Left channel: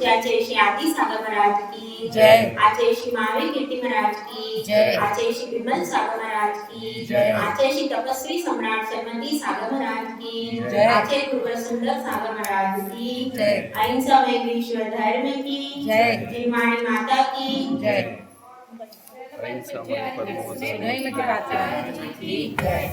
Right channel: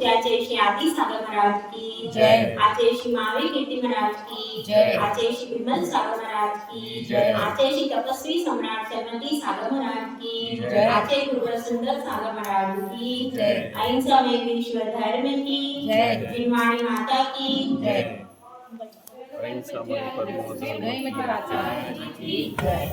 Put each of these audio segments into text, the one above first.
पूज्य आचार्य श्री आदि सागर महाराज की जय। आचार्य श्री महावीर कीर्ति महाराज की जय। आचार्य श्री विमल सागर महाराज की जय। आचार्य श्री तपस्वी सम्राट सरवंती सागर महाराज की जय। आचार्य गुरुवर सुंदर सागर महाराज की जय। अहिंसा में विश्व धर्म की जय। जिनवाणी माता की जय। अहिंसा में परमो धर्म नहीं लगी बात है। की जय।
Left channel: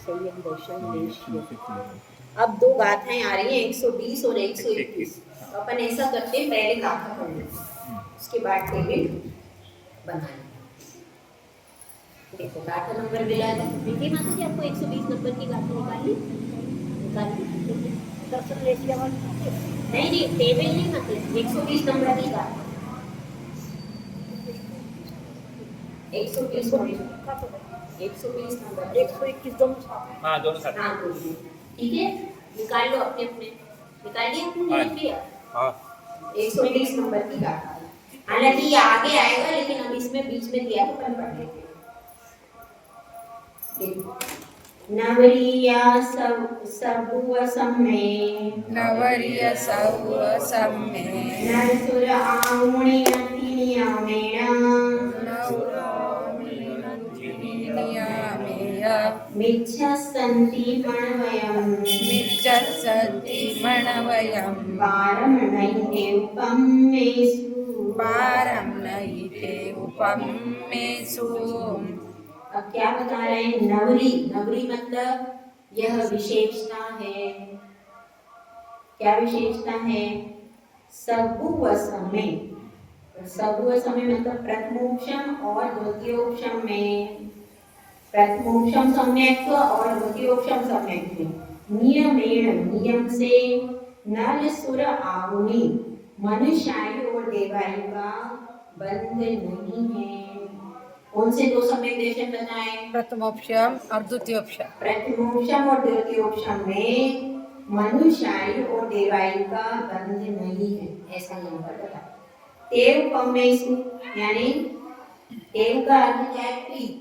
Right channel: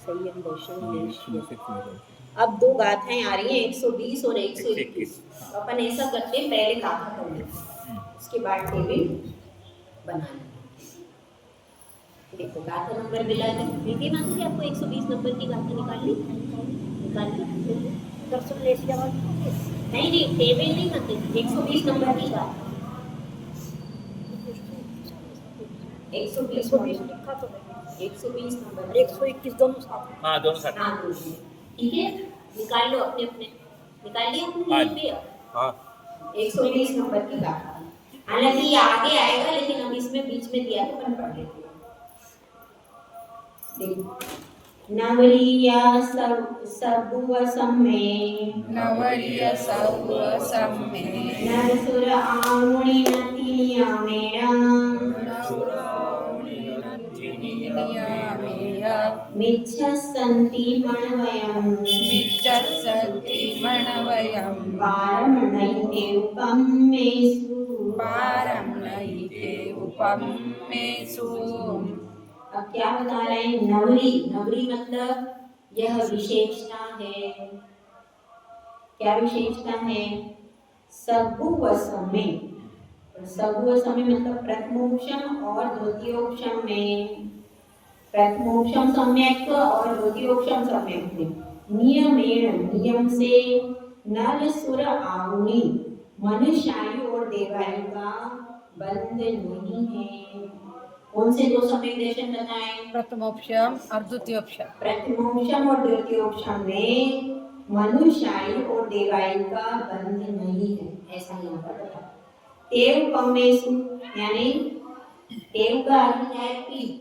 संयम दर्शन देश। अब दो गाथाएं आ रही हैं 120 और 121। अपन ऐसा करते हैं पहले गाथा पढ़ लेते उसके बाद टेबल बनाएंगे। देखो गाथा नंबर मिला है विधि माता जी आपको 120 नंबर की गाथा निकाल ली दर्शन लेशिया नहीं टेबल नहीं माता जी 120 नंबर की गाथा 120 नंबर 121 दोनों साथ। हाँ दोनों साथ। हाँ ठीक है निकाल लो अपने अपने निकाल लिया आपने लिख लिया। हाँ 120 नंबर की गाथा हालांकि ये आगे आएगा लेकिन अब इसमें बीच में दिया है अपन पढ़ लेते हैं। देखो नवरिया सबुवसम में नवरिया सबुवसम में नरसुर आमुनि नतिनिया मेणा मिच्छसन्ति मणवयम् पारं नैते उपमेषु। अब क्या बता रहे हैं नवरी नवरी मतलब यह विशेषता है। क्या विशेषता है सबुवसम में सबुवसम में मतलब प्रथमोपशम और द्वितीयोपशम में प्रथमोपशम सम्यक और द्वितीयोपशम सम्यक में नियमेण नियम से नर सुर आहुनि मनुष्यायु और देवायु का बंध नहीं है। कौन से दो सम्यक दर्शन बताएं प्रथमोपशम और द्वितीयोपशम। प्रथमोपशम और द्वितीयोपशम में मनुष्यायु और देवायु का बंध नहीं है ऐसा यहाँ पर बताया। तेव पमेशु यानी तेव का अर्थ क्या है पीत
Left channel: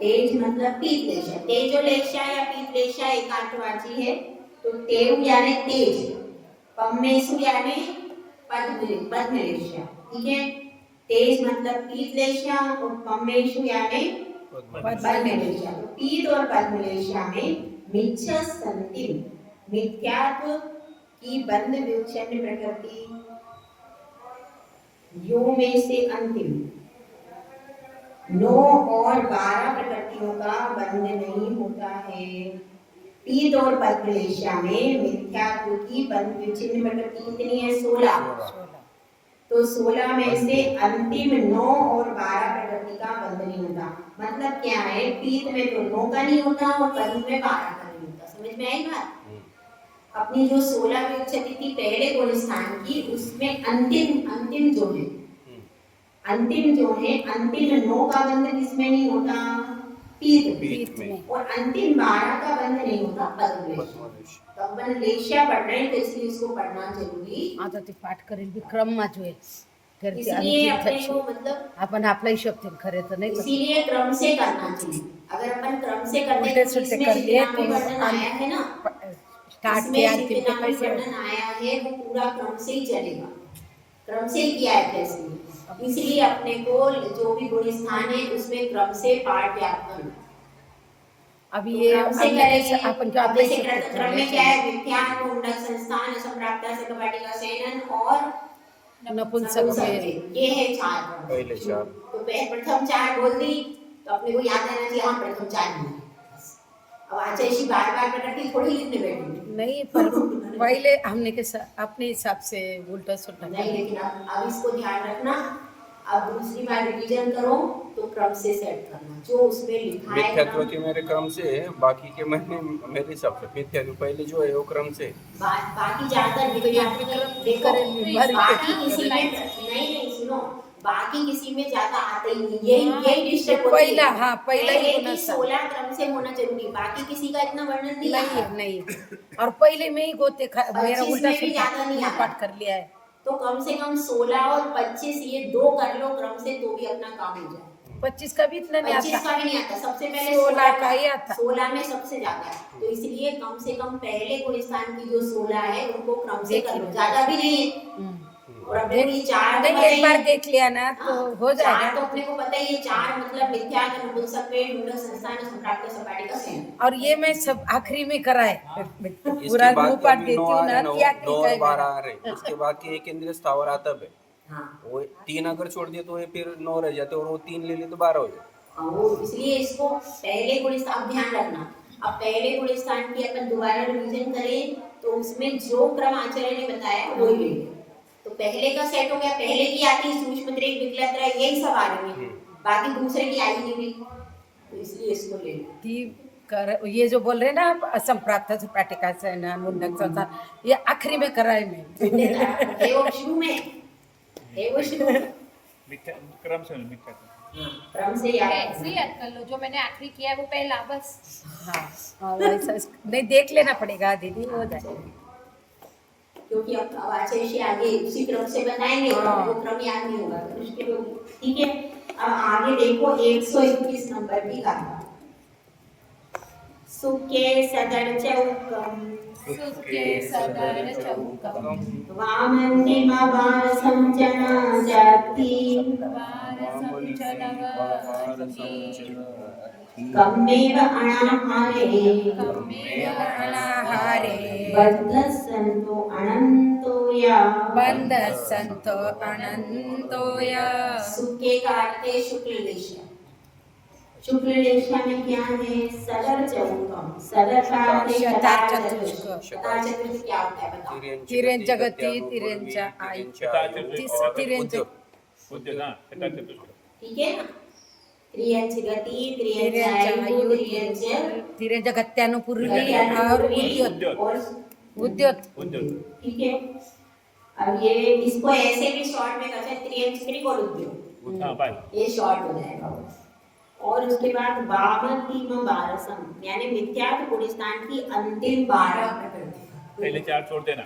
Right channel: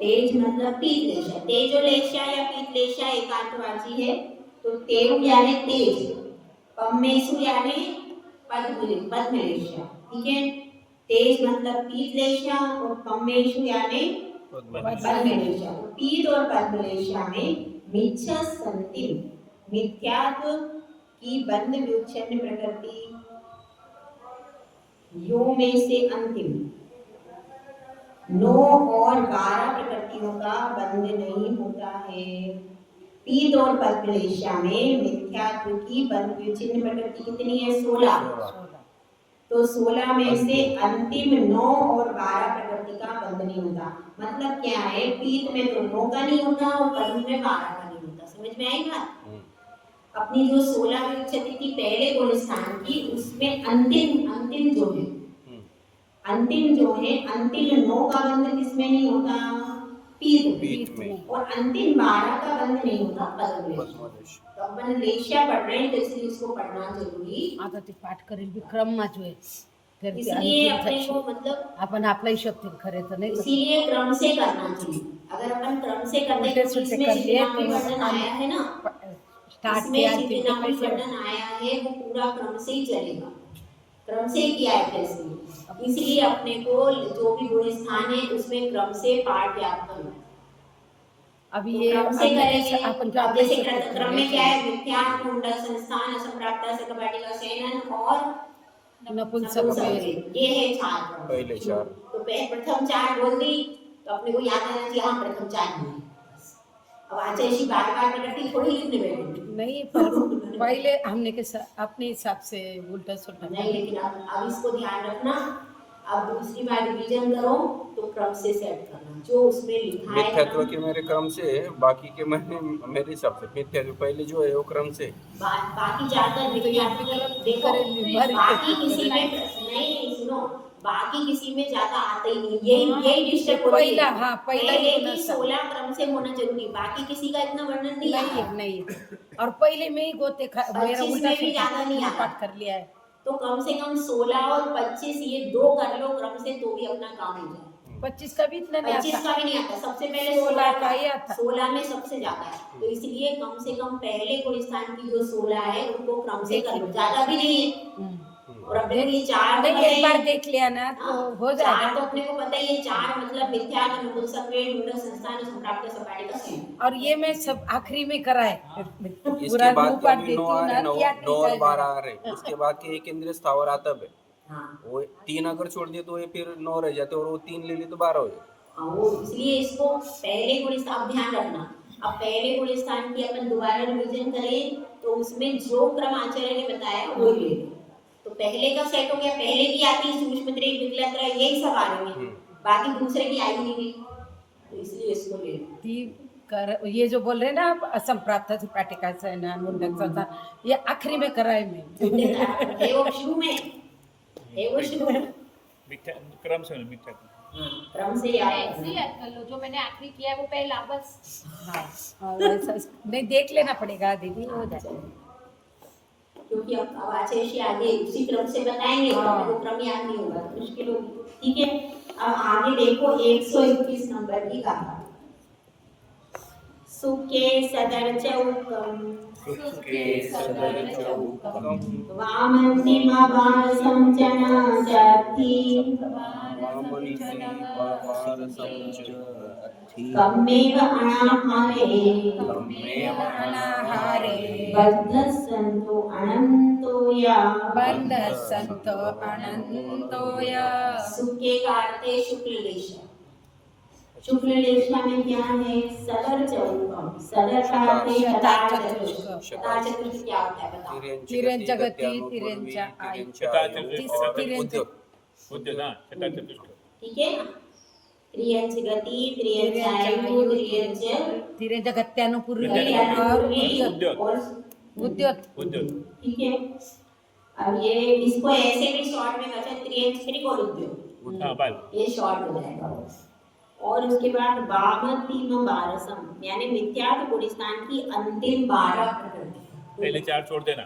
तेज मतलब पीत लेशा तेजो लेशा या पीत लेशा एकांतवाची है तो तेव यानी तेज पमेशु यानी पद्म लेशा ठीक है। तेज मतलब पीत लेशा और पमेशु यानी पद्म लेशा। पीत और पद्म लेशा में मिच्छसन्ति मिथ्यात्व की बंध विच्छिन्न प्रकृति यो में से अंतिम 9 और 12 प्रकृतियों का बंध नहीं होता है। पीत और पद्मलेशा में मिथ्यात्व की बंध विच्छिन्न प्रकृति कितनी है 16 तो 16 में से अंतिम 9 और 12 प्रकृति का बंध नहीं होता। मतलब क्या है पीत में तो 9 का नहीं होता और पद्म में 12 का नहीं होता। समझ में आई बात। अपनी जो 16 विच्छति थी पहले गुण स्थान की उसमें अंतिम जो है अंतिम 9 का बंध किसमें नहीं होता पीत में और अंतिम 12 का बंध नहीं होता पद्मलेश। तो अपन लेशा पढ़ रहे हैं तो इसलिए इसको पढ़ना जरूरी आता ते पाठ करेल भी क्रम मा जो है इसलिए अपने को मतलब अपन आपला हिशोब ते खरे तो नहीं इसीलिए क्रम से करना चाहिए। अगर अपन क्रम से करते हैं तो इसमें जितना भी वर्णन आया है ना इसमें जितना भी वर्णन आया है वो पूरा क्रम से ही चलेगा। क्रम से ही किया है कैसे इसलिए अपने को जो भी गुण स्थान है उसमें क्रम से पाठ याद करना। अभी तो ये क्रम से करेंगे अपन क्या जैसे क्रम में क्या है विज्ञान मुंडक संस्थान असंप्राप्ता सकपाटिका सेनन और नपुंसक में ये है 4 पहले 4 तो प्रथम 4 बोल दी तो अपने को याद रहना चाहिए हाँ प्रथम 4 बोली। अब आचार्य बार प्रकृति थोड़ी लिखने बैठेंगे नहीं पर पहले हमने के अपने हिसाब से उल्टा सुल्टा नहीं लेकिन अब इसको ध्यान रखना। अब दूसरी बार रिवीजन करो तो क्रम से सेट करना जो उसमें लिखा है मिथ्यात्व ना। के मेरे क्रम से है, बाकी के मैंने मेरे हिसाब से मिथ्यात्व पहले जो है वो क्रम से। बाकी ज्यादातर तो ये मिथ्यात्व विक्रम देखो, करें बीमारी बाकी किसी में नहीं सुनो, बाकी किसी में ज्यादा आता ही नहीं, यही डिस्टर्ब होती पहला, है। हाँ, पहला ही पहले होना की चाहिए। 16 क्रम से होना जरूरी, बाकी किसी का इतना वर्णन नहीं नहीं आता। है, नहीं है। और पहले में ही गोते मेरा 25 उल्टा में भी ज्यादा नहीं आता। पाठ कर लिया है। तो कम से कम 16 और 25 ये दो कर लो क्रम से तो भी अपना काम हो जाए। 25 का भी इतना नहीं 25 आता। का भी नहीं आता, सबसे पहले 16 का ही आता। 16 में सबसे ज्यादा है, तो इसलिए कम से कम पहले गुण स्थान की जो 16 है उनको क्रम से कर लो, ज्यादा भी नहीं है। और अपने को ये चार तो नहीं, पता एक ही बार है। देख लिया ना तो हाँ, हो चार जाएगा। तो अपने को पता ही है, चार मतलब मिथ्या नपुंसक में ढूंढक संस्थान संप्राप्त सपाटी का संयोग। और ये मैं सब आखिरी में करा है। इसके पूरा बाद मुंह के पाठ अभी देती नौ हूँ आ ना रहे, नौ कि आखिरी नौ का और ही 12 मेरा। आ रहे, इसके बाद के एक इंद्रिय स्थावर आता है। हाँ, वो 3 अगर छोड़ दिए तो ये फिर 9 रह जाते, और वो 3 ले ले तो 12 हो जाए। वो इसलिए इसको पहले गुण स्थान, अब ध्यान रखना, अब पहले गुण स्थान की अपन दोबारा रिवीजन करें तो उसमें जो क्रम आचार्य ने बताया वही ले लें। तो पहले का सेट हो गया, पहले की आती सूक्ष्म त्रिक विकलत्र यही सब आ रही है, बाकी दूसरे की आई नहीं गई, तो इसलिए इसको ले लो। ये जो बोल रहे ना आप असंप्राप्त सपाटिका से ना मुंडक संसार, ये आखिरी में करा है मैं। है वो शुरू में, है वो शुरू में। मिथ्या क्रम से मिथ्या क्रम से याद ऐसे ही याद कर लो, जो मैंने आखिरी किया है वो पहला बस। हाँ, वैसा नहीं, देख लेना पड़ेगा दीदी, हो जाए। क्योंकि अब आचार्य जी आगे उसी क्रम से बताएंगे और हाँ। वो क्रम याद नहीं होगा तो मुश्किल होगी। ठीक है, अब आगे देखो 121 नंबर की गाथा। सुके सदर चौकम सुखे सदर चौकम वामंतिम वारसम जना जाति कम्मेव अनाहारे बद्ध संतो अनंतो या बंद संतो अनंतोया। सुके का अर्थ है शुक्ल लेशा। शुक्ल लेशा में क्या है? सदर चौकम, सदर का अर्थ है शतार चतुष्क। शतार चतुष्क क्या होता है बताओ? तिरेन जगती तिरेनचा आई तिरेन बुद्ध ना चता चतुष्क। ठीक है ना? त्रियंच गति, त्रियंच आयु, त्रियंच तिरेन जगत्यानुपूर्वी और उद्योत। ठीक है। अब ये इसको ऐसे भी शॉर्ट में कर सकते, त्रियंच त्रिकोण उद्योग, हां बात ये शॉर्ट हो जाएगा। और उसके बाद वामंतिम बारसम यानी मिथ्यात्व गुण स्थान की अंतिम 12 प्रकृति। पहले 4 छोड़ देना।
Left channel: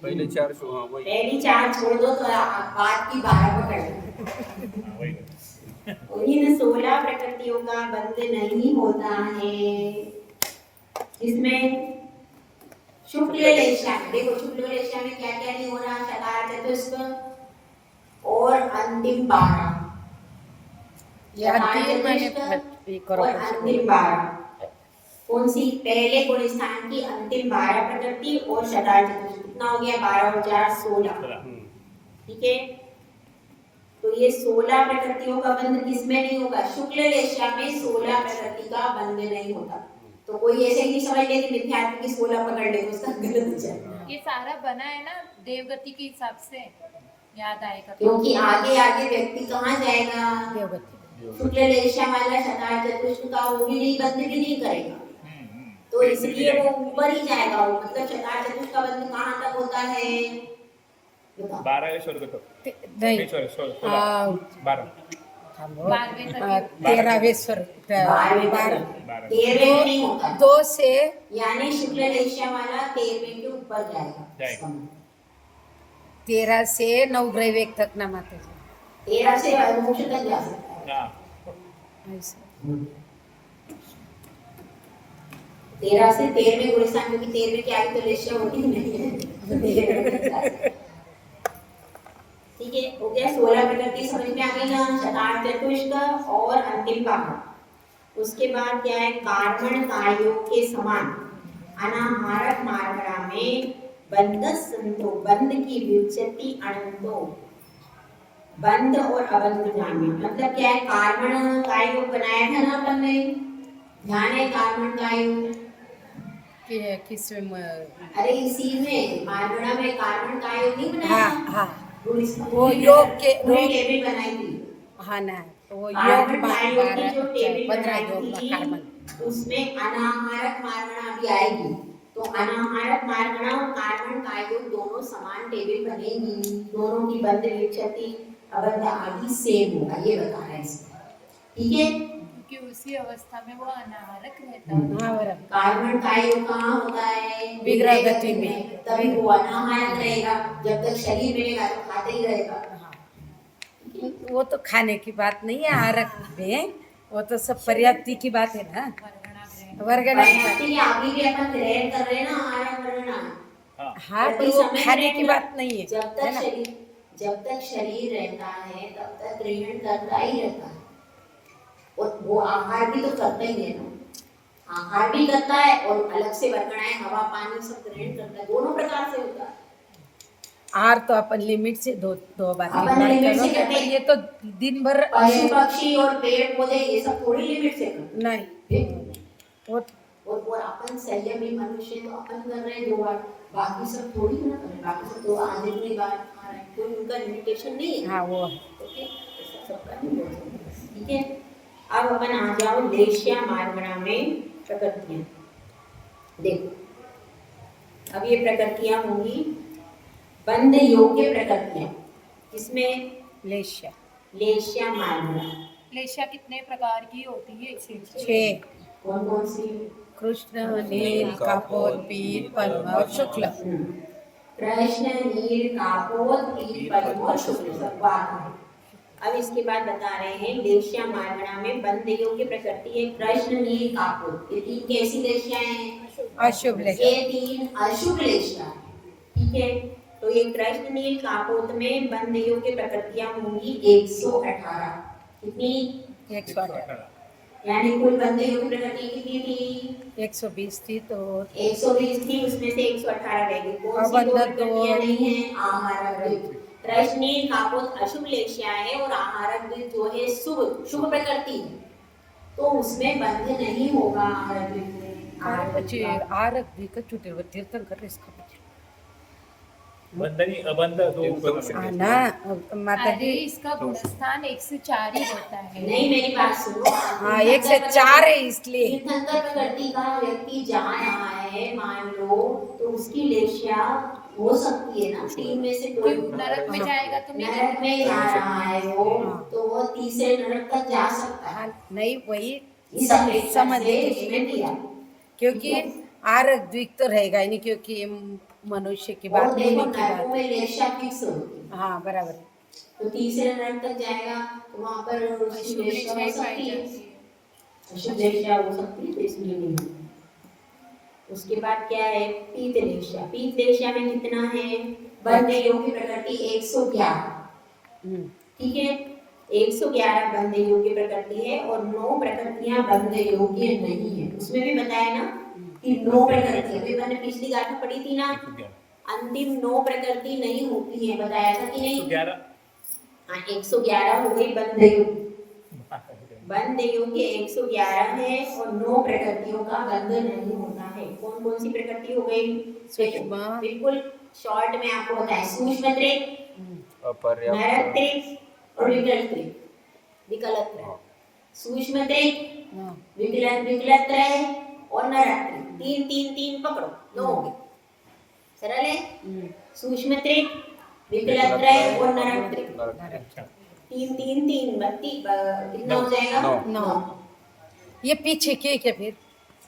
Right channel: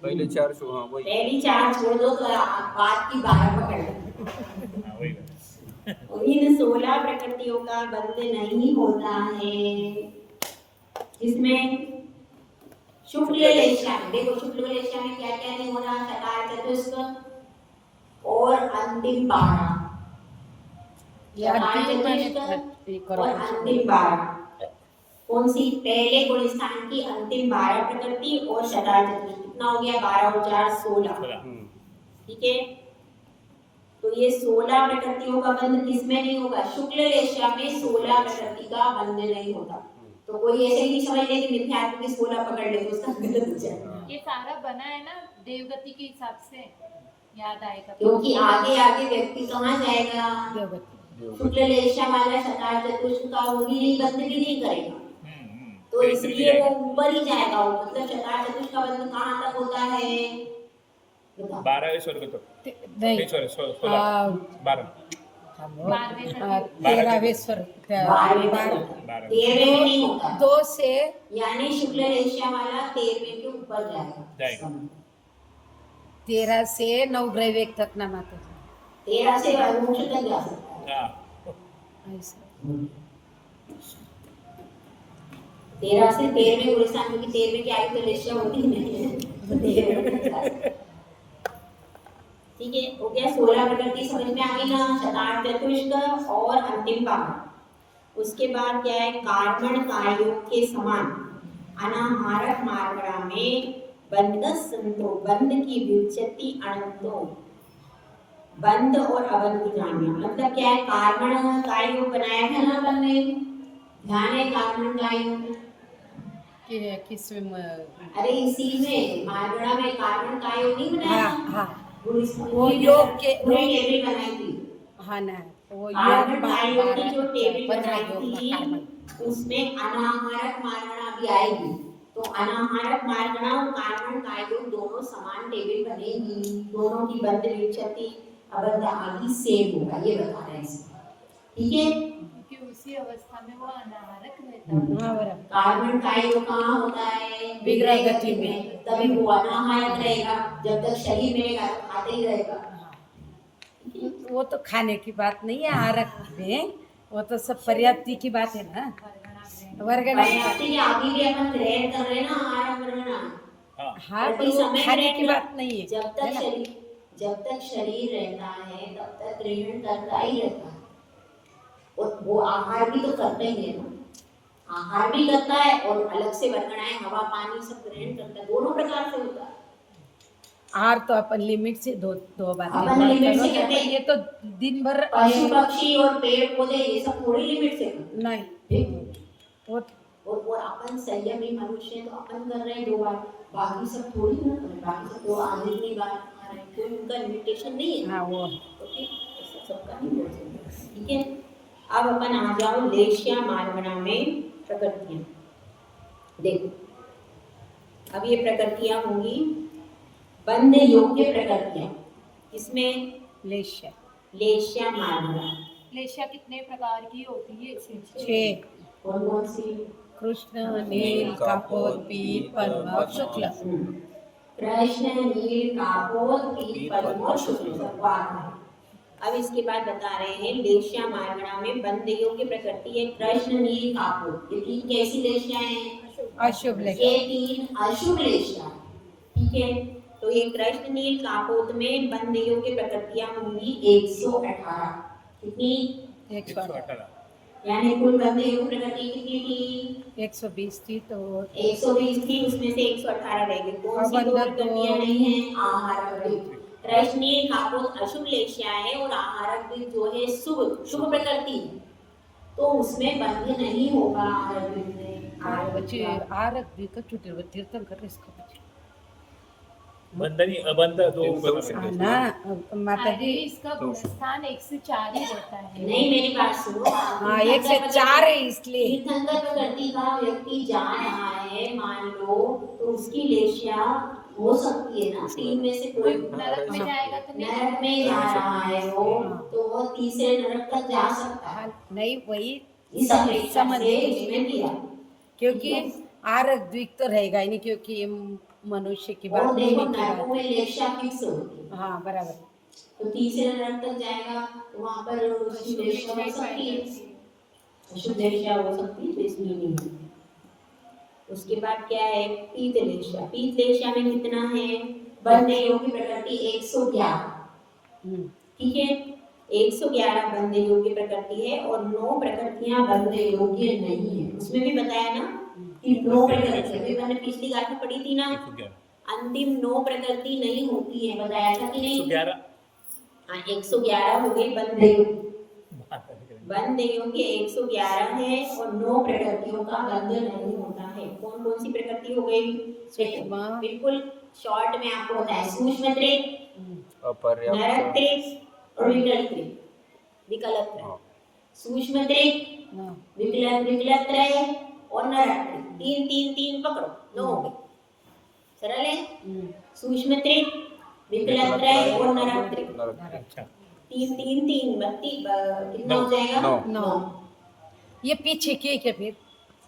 पहले 4 हाँ वही। पहली 4 छोड़ दो तो बाद की 12 पकड़ लो। हां वही इन 16 प्रकृतियों का बंध नहीं होता है। इसमें शुक्ल लेशा में देखो, शुक्ल लेशा में क्या क्या नहीं हो रहा? शकार चतुष्क और अंतिम 12, शकार चतुष्क और अंतिम 12। कौन सी? पहले गुण स्थान की अंतिम 12 प्रकृति और शकार चतुष्क। कितना हो गया? 12 और 4 16। ठीक है, तो ये 16 प्रकृतियों का बंध किसमें नहीं होगा? शुक्ल लेशा में 16 प्रकृति का बंध नहीं होता। तो कोई ऐसे ही नहीं समझ ले कि मिथ्यात्व की 16 पकड़ ले तो उसका गलत हो जाए। ये सारा बना है ना देवगति के हिसाब से, याद आएगा। क्योंकि आगे आगे व्यक्ति कहाँ जाएगा? देवगति। शुक्ल लेशा वाला शतार चतुष्क का वो भी नहीं, बंध भी नहीं करेगा, तो इसलिए वो ऊपर ही जाएगा। वो मतलब शतार चतुष्क का बंध कहाँ तक होता है बताओ? 12वें स्वर्ग तक नहीं, नहीं सॉरी 16 12 13वें स्वर 12वें तक, 13वें में नहीं होता। 2 से यानी शुक्ल लेशा वाला 13वें के ऊपर जाएगा। 13 से 9 ग्रह तक ना माता जी। 13 से मोक्ष तक जा सकता है। हां ऐसा 13 से 13वें गुण स्थान, क्योंकि 13वें की आयु तो लेशा होती ही नहीं है, तो 13वें तक जा सकता है। ठीक है, हो गया 16 प्रकृति समझ में आ गई ना? शतार चतुष्क और अंतिम 12। उसके बाद क्या है? कार्बन कायोग के समान अनाहारक मार्गड़ा में बंध संतो, बंध की व्युत्पत्ति अनंतो, बंध और अबंध जानना। मतलब क्या है? कार्बन कायोग बनाया था ना अपन ने, ध्यान है? कार्बन कायोग किसमें? अरे इसी में मार्गड़ा में कार्बन कायोग नहीं बनाया? हाँ हाँ, वो वो योग के टेबल बनाई थी। हाँ ना, तो वो योग कार्बन में डाइऑक्साइड की जो टेबल 15 बनाई योग में थी कार्बन। उसमें अनाहारक मार्गणा भी आएगी। तो अनाहारक मार्गणा और कार्बन डाइऑक्साइड दोनों समान टेबल बनेगी, दोनों की बंध विच्छति अबंध आदि सेम होगा, ये बता रहे हैं इसमें। ठीक है, क्योंकि उसी अवस्था में वो अनाहारक रहता है। हाँ बराबर। कार्बन डाइऑक्साइड कहाँ होता है? विग्रह गति में। तभी वो अनाहारक रहेगा, जब तक शरीर मिलेगा तो खाते ही रहेगा। वो तो खाने की बात नहीं है आहारक में, वो तो सब पर्याप्ति की बात है ना, वर्गना की बात। पर्याप्ति के आगे भी अपन ग्रहण कर रहे हैं ना आहार वर्गना। हाँ हाँ, प्रति पर वो समय खाने ग्रहण की कर- बात नहीं है, जब है तक ना? शरीर रहता है तब तक ग्रहण करता ही रहता है। और वो आहार भी तो करता ही है ना, आहार भी करता है और अलग से वर्गणाएं हवा पानी सब ग्रहण करता है, दोनों प्रकार से होता है। आहार तो अपन लिमिट से दो बार तीन अपन बार लिमिट से करो, करते हैं। ये तो दिन भर पशु पक्षी और पेड़ पौधे ये सब थोड़ी लिमिट से करते नहीं, वो और अपन संयमी मनुष्य तो अपन कर रहे हैं 2 बार, बाकी सब थोड़ी ना कर रहे, बाकी सब तो आधे ही बार खा रहे हैं, कोई उनका लिमिटेशन नहीं है। हाँ वो तो फिर ऐसा सबका नहीं बोल सकते। ठीक है, अब अपन आ जाओ लेशिया मार्गणा में प्रकृतियां। देखो अब ये प्रकृतियां होंगी बंध योग्य प्रकृतियां, इसमें लेशिया लेशिया मार्गणा लेशिया कितने प्रकार की होती है इसे? 6 कौन कौन सी? कृष्ण नील कपोल पीत पद्म और शुक्ल। कृष्ण नील कापोल पीत पद्म और शुक्ल सब बात है। अब इसके बाद बता रहे हैं लेशिया मार्गणा में बंध योग्य प्रकृति है कृष्ण नील कापोल। ये 3 कैसी लेशियाएं हैं? अशुभ लेशिया। ये 3 अशुभ लेशिया है। ठीक है, तो ये कृष्ण नील कापोत में बंध योग्य प्रकृतियां होंगी 118। कितनी? 118। यानी कुल बंध योग्य प्रकृति कितनी थी? 120 थी तो 120 थी, उसमें से 118 रह गई। कौन सी 2 अबंध प्रकृतियां नहीं है? आहारक द्विज। कृष्ण नील कापोत अशुभ लेशिया है और आहारक द्विज जो है शुभ प्रकृति, तो उसमें बंध नहीं होगा आहारक द्विज में। बच्चे आरक भी का छुट्टी वो तीर्थन कर रहे इसका बच्चे बंधनी अबंध हाँ ना माता अरे जी। इसका गुणस्थान 1 से 4 ही रहता है। नहीं, मेरी बात सुनो। हाँ 1 से 4 है इसलिए। तीर्थंकर प्रकृति का व्यक्ति जा रहा है मान लो, तो उसकी लेशिया हो सकती है ना 3 में से कोई। नरक में जाएगा तो नहीं नरक में जा रहा है वो, तो वो तीसरे नरक तक जा सकता है। हाँ, नहीं वही इस अपेक्षा समझ से लीजिए। इसमें किया। क्योंकि आरक द्विक तो रहेगा ही नहीं, क्योंकि ये मनुष्य की और बात देखो नहीं की नरकों बात में लेशिया फिक्स होती है, हाँ बराबर। तो तीसरे नरक तक जाएगा तो वहां पर उसकी अशुभ लेशिया हो लेशिया सकती पाई है, जाती है। अशुभ लेशिया हो सकती है, तो इसलिए नहीं होती। उसके बाद क्या है? पीत लेशिया। पीत लेशिया में कितना है? बंध योग्य प्रकृति 111। ठीक है, 111 बंध योग्य प्रकृति है और 9 प्रकृतियां बंध योग्य नहीं है। उसमें भी बताया ना कि 9 प्रकृतियां, अभी मैंने पिछली गाथा पढ़ी थी ना, अंतिम 9 प्रकृति नहीं होती है, बताया था कि नहीं? 111 हाँ 111 हो गई बंध योग्य। बंध योग्य 111 है और 9 प्रकृतियों का बंध नहीं होता है। कौन कौन सी प्रकृति हो गई? सूक्ष्म। बिल्कुल शॉर्ट में आपको बताया, सूक्ष्म त्रिक, नरक अपर्याप्त त्रिक और विकल त्रिक। विकलत त्रय, सूक्ष्म त्रिक, विकलत त्रय और नरक त्रिक। 3 पकड़ो, 9 हो गए। सरल है। सूक्ष्म त्रिक, विकलत त्रय और नरक त्रिक। 3 कितना हो जाएगा? 9। ये पीछे के क्या फिर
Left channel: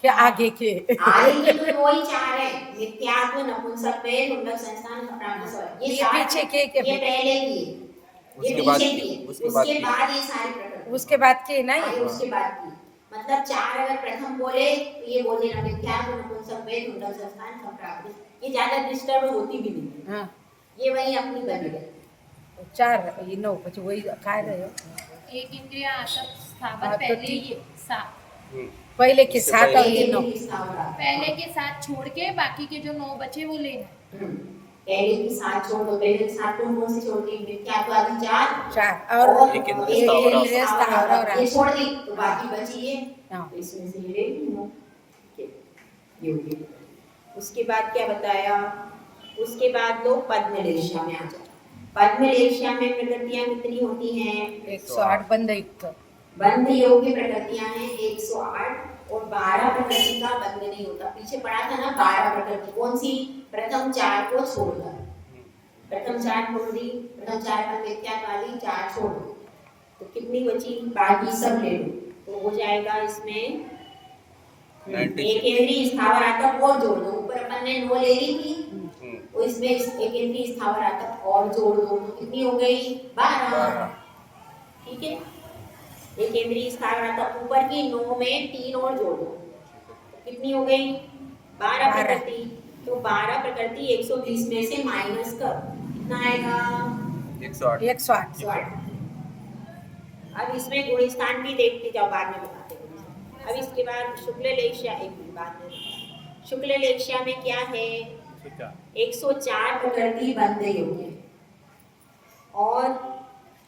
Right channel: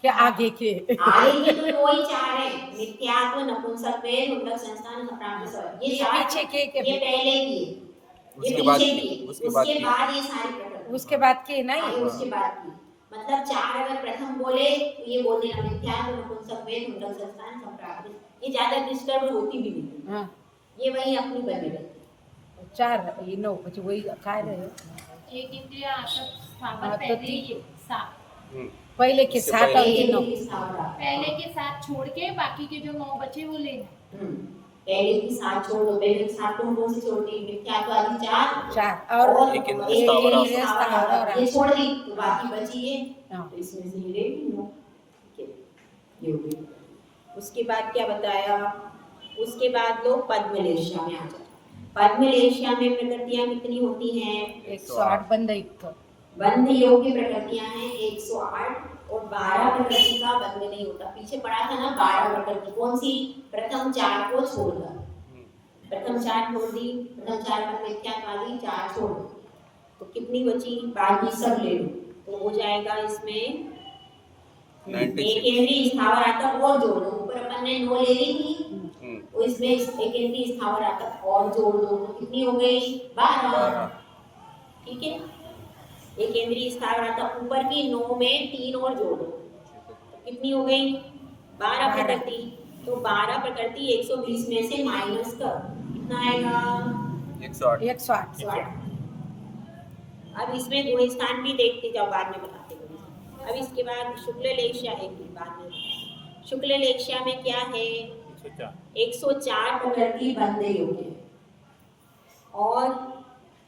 क्या आगे के? आगे के तो वही 4 है, मिथ्यात्व, नपुंसकत्व, मुंडक संस्थान, सप्राप्त स्वभाव। ये 4 पीछे के क्या ये फिर? पहले की है, ये उसके बाद पीछे की, की है, उसके उसके बाद बाद ये सारी प्रकृति। उसके बाद के ना ये उसके बाद की, मतलब 4 अगर प्रथम बोले तो ये बोल देना मिथ्यात्व, नपुंसकत्व, मुंडक संस्थान, सप्राप्त। ये ज्यादा डिस्टर्ब होती भी नहीं, हाँ ये वही अपनी बनी रहती। 4 ये 9 कुछ वही खा रहे हैं। एक इंद्रिया आसक्त हाँ, स्थावर तो पहले ये सात, पहले के इससे 7 और पहले ये 9। पहले के 7 छोड़ के बाकी के जो 9 बचे वो लेना। पहले की 7 छोड़ दो, पहले की 7 कौन सी छोड़ दी? मिथ्यात्व आदि 4 और एक एक इंद्रिय स्थावर और ये छोड़ दी तो बाकी बची ये, हाँ। तो इसमें से ये ले लो। ठीक है, ये हो गया। उसके बाद क्या बताया? उसके बाद लोग पद्म लेशिया में आ जाओ। पद्मलेशिया में प्रकृतियां कितनी होती हैं? 108 बंद युक्त। बंध योग की प्रकृतियां हैं 108 और 12 प्रकृति का बंध नहीं होता। पीछे पढ़ा था ना 12 प्रकृति, कौन सी? प्रथम 4 को छोड़कर, प्रथम 4 छोड़ दी, प्रथम 4 पर मिथ्यात्वादी 4 छोड़, तो कितनी बची? बाकी सब ले लो, तो हो जाएगा इसमें 96। एक केंद्रीय स्थावर आतक और जोड़ दो, ऊपर अपन ने 9 ले ली थी, तो इसमें एक केंद्रीय स्थावर आतक और जोड़ दो, तो कितनी हो गई? 12। ठीक है, एक केंद्रीय स्थावर आतक ऊपर की 9 में 3 और जोड़ दो, तो कितनी हो गई? 12 प्रकृति। तो 12 प्रकृति 120 में से माइनस कर, कितना आएगा? 108। 108। अब इसमें गुण स्थान भी देखते जाओ, बाद में बताते हैं। अब इसके बाद शुक्ल लेशिया, एक मिनट बाद में, शुक्ल लेशिया में क्या है? 104 प्रकृति बंध योग है और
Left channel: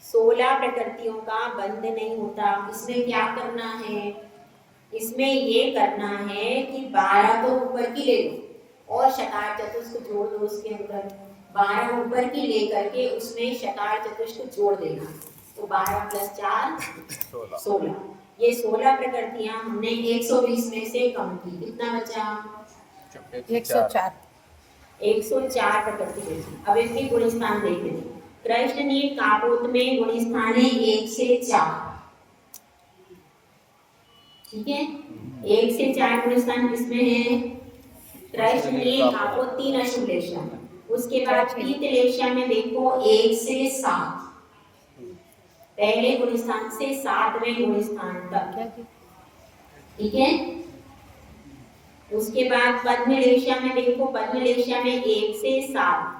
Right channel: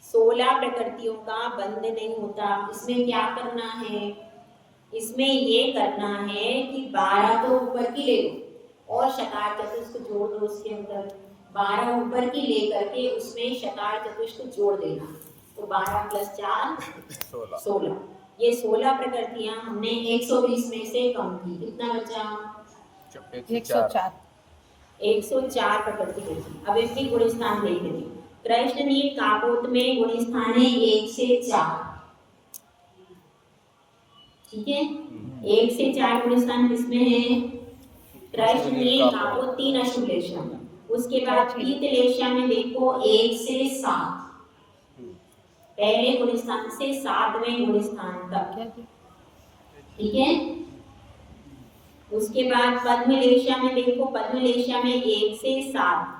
16 प्रकृतियों का बंध नहीं होता। इसमें क्या करना है? इसमें ये करना है कि 12 तो ऊपर की ले लो और शकार चतुष्क जोड़ दो उसके अंदर। 12 ऊपर की ले करके उसमें शकार चतुष्क जोड़ देना, तो 12 + 4 16। ये 16 प्रकृतियां हमने 120 में से कम की, कितना बचा? 104। 104 प्रकृति बची। अब इनके गुण स्थान देख लेते। कृष्ण नील कापोत में गुण स्थान है 1 से 4, ठीक है, 1 से 4 गुण स्थान किसमें है? कृष्ण नील कापोत 3 अशुभ लेशिया में। उसके बाद पीत लेशिया में देखो 1 से 7, पहले गुण स्थान से 7वें गुण स्थान तक, ठीक है। उसके बाद पद्म लेशिया में देखो, पद्म लेशिया में 1 से 7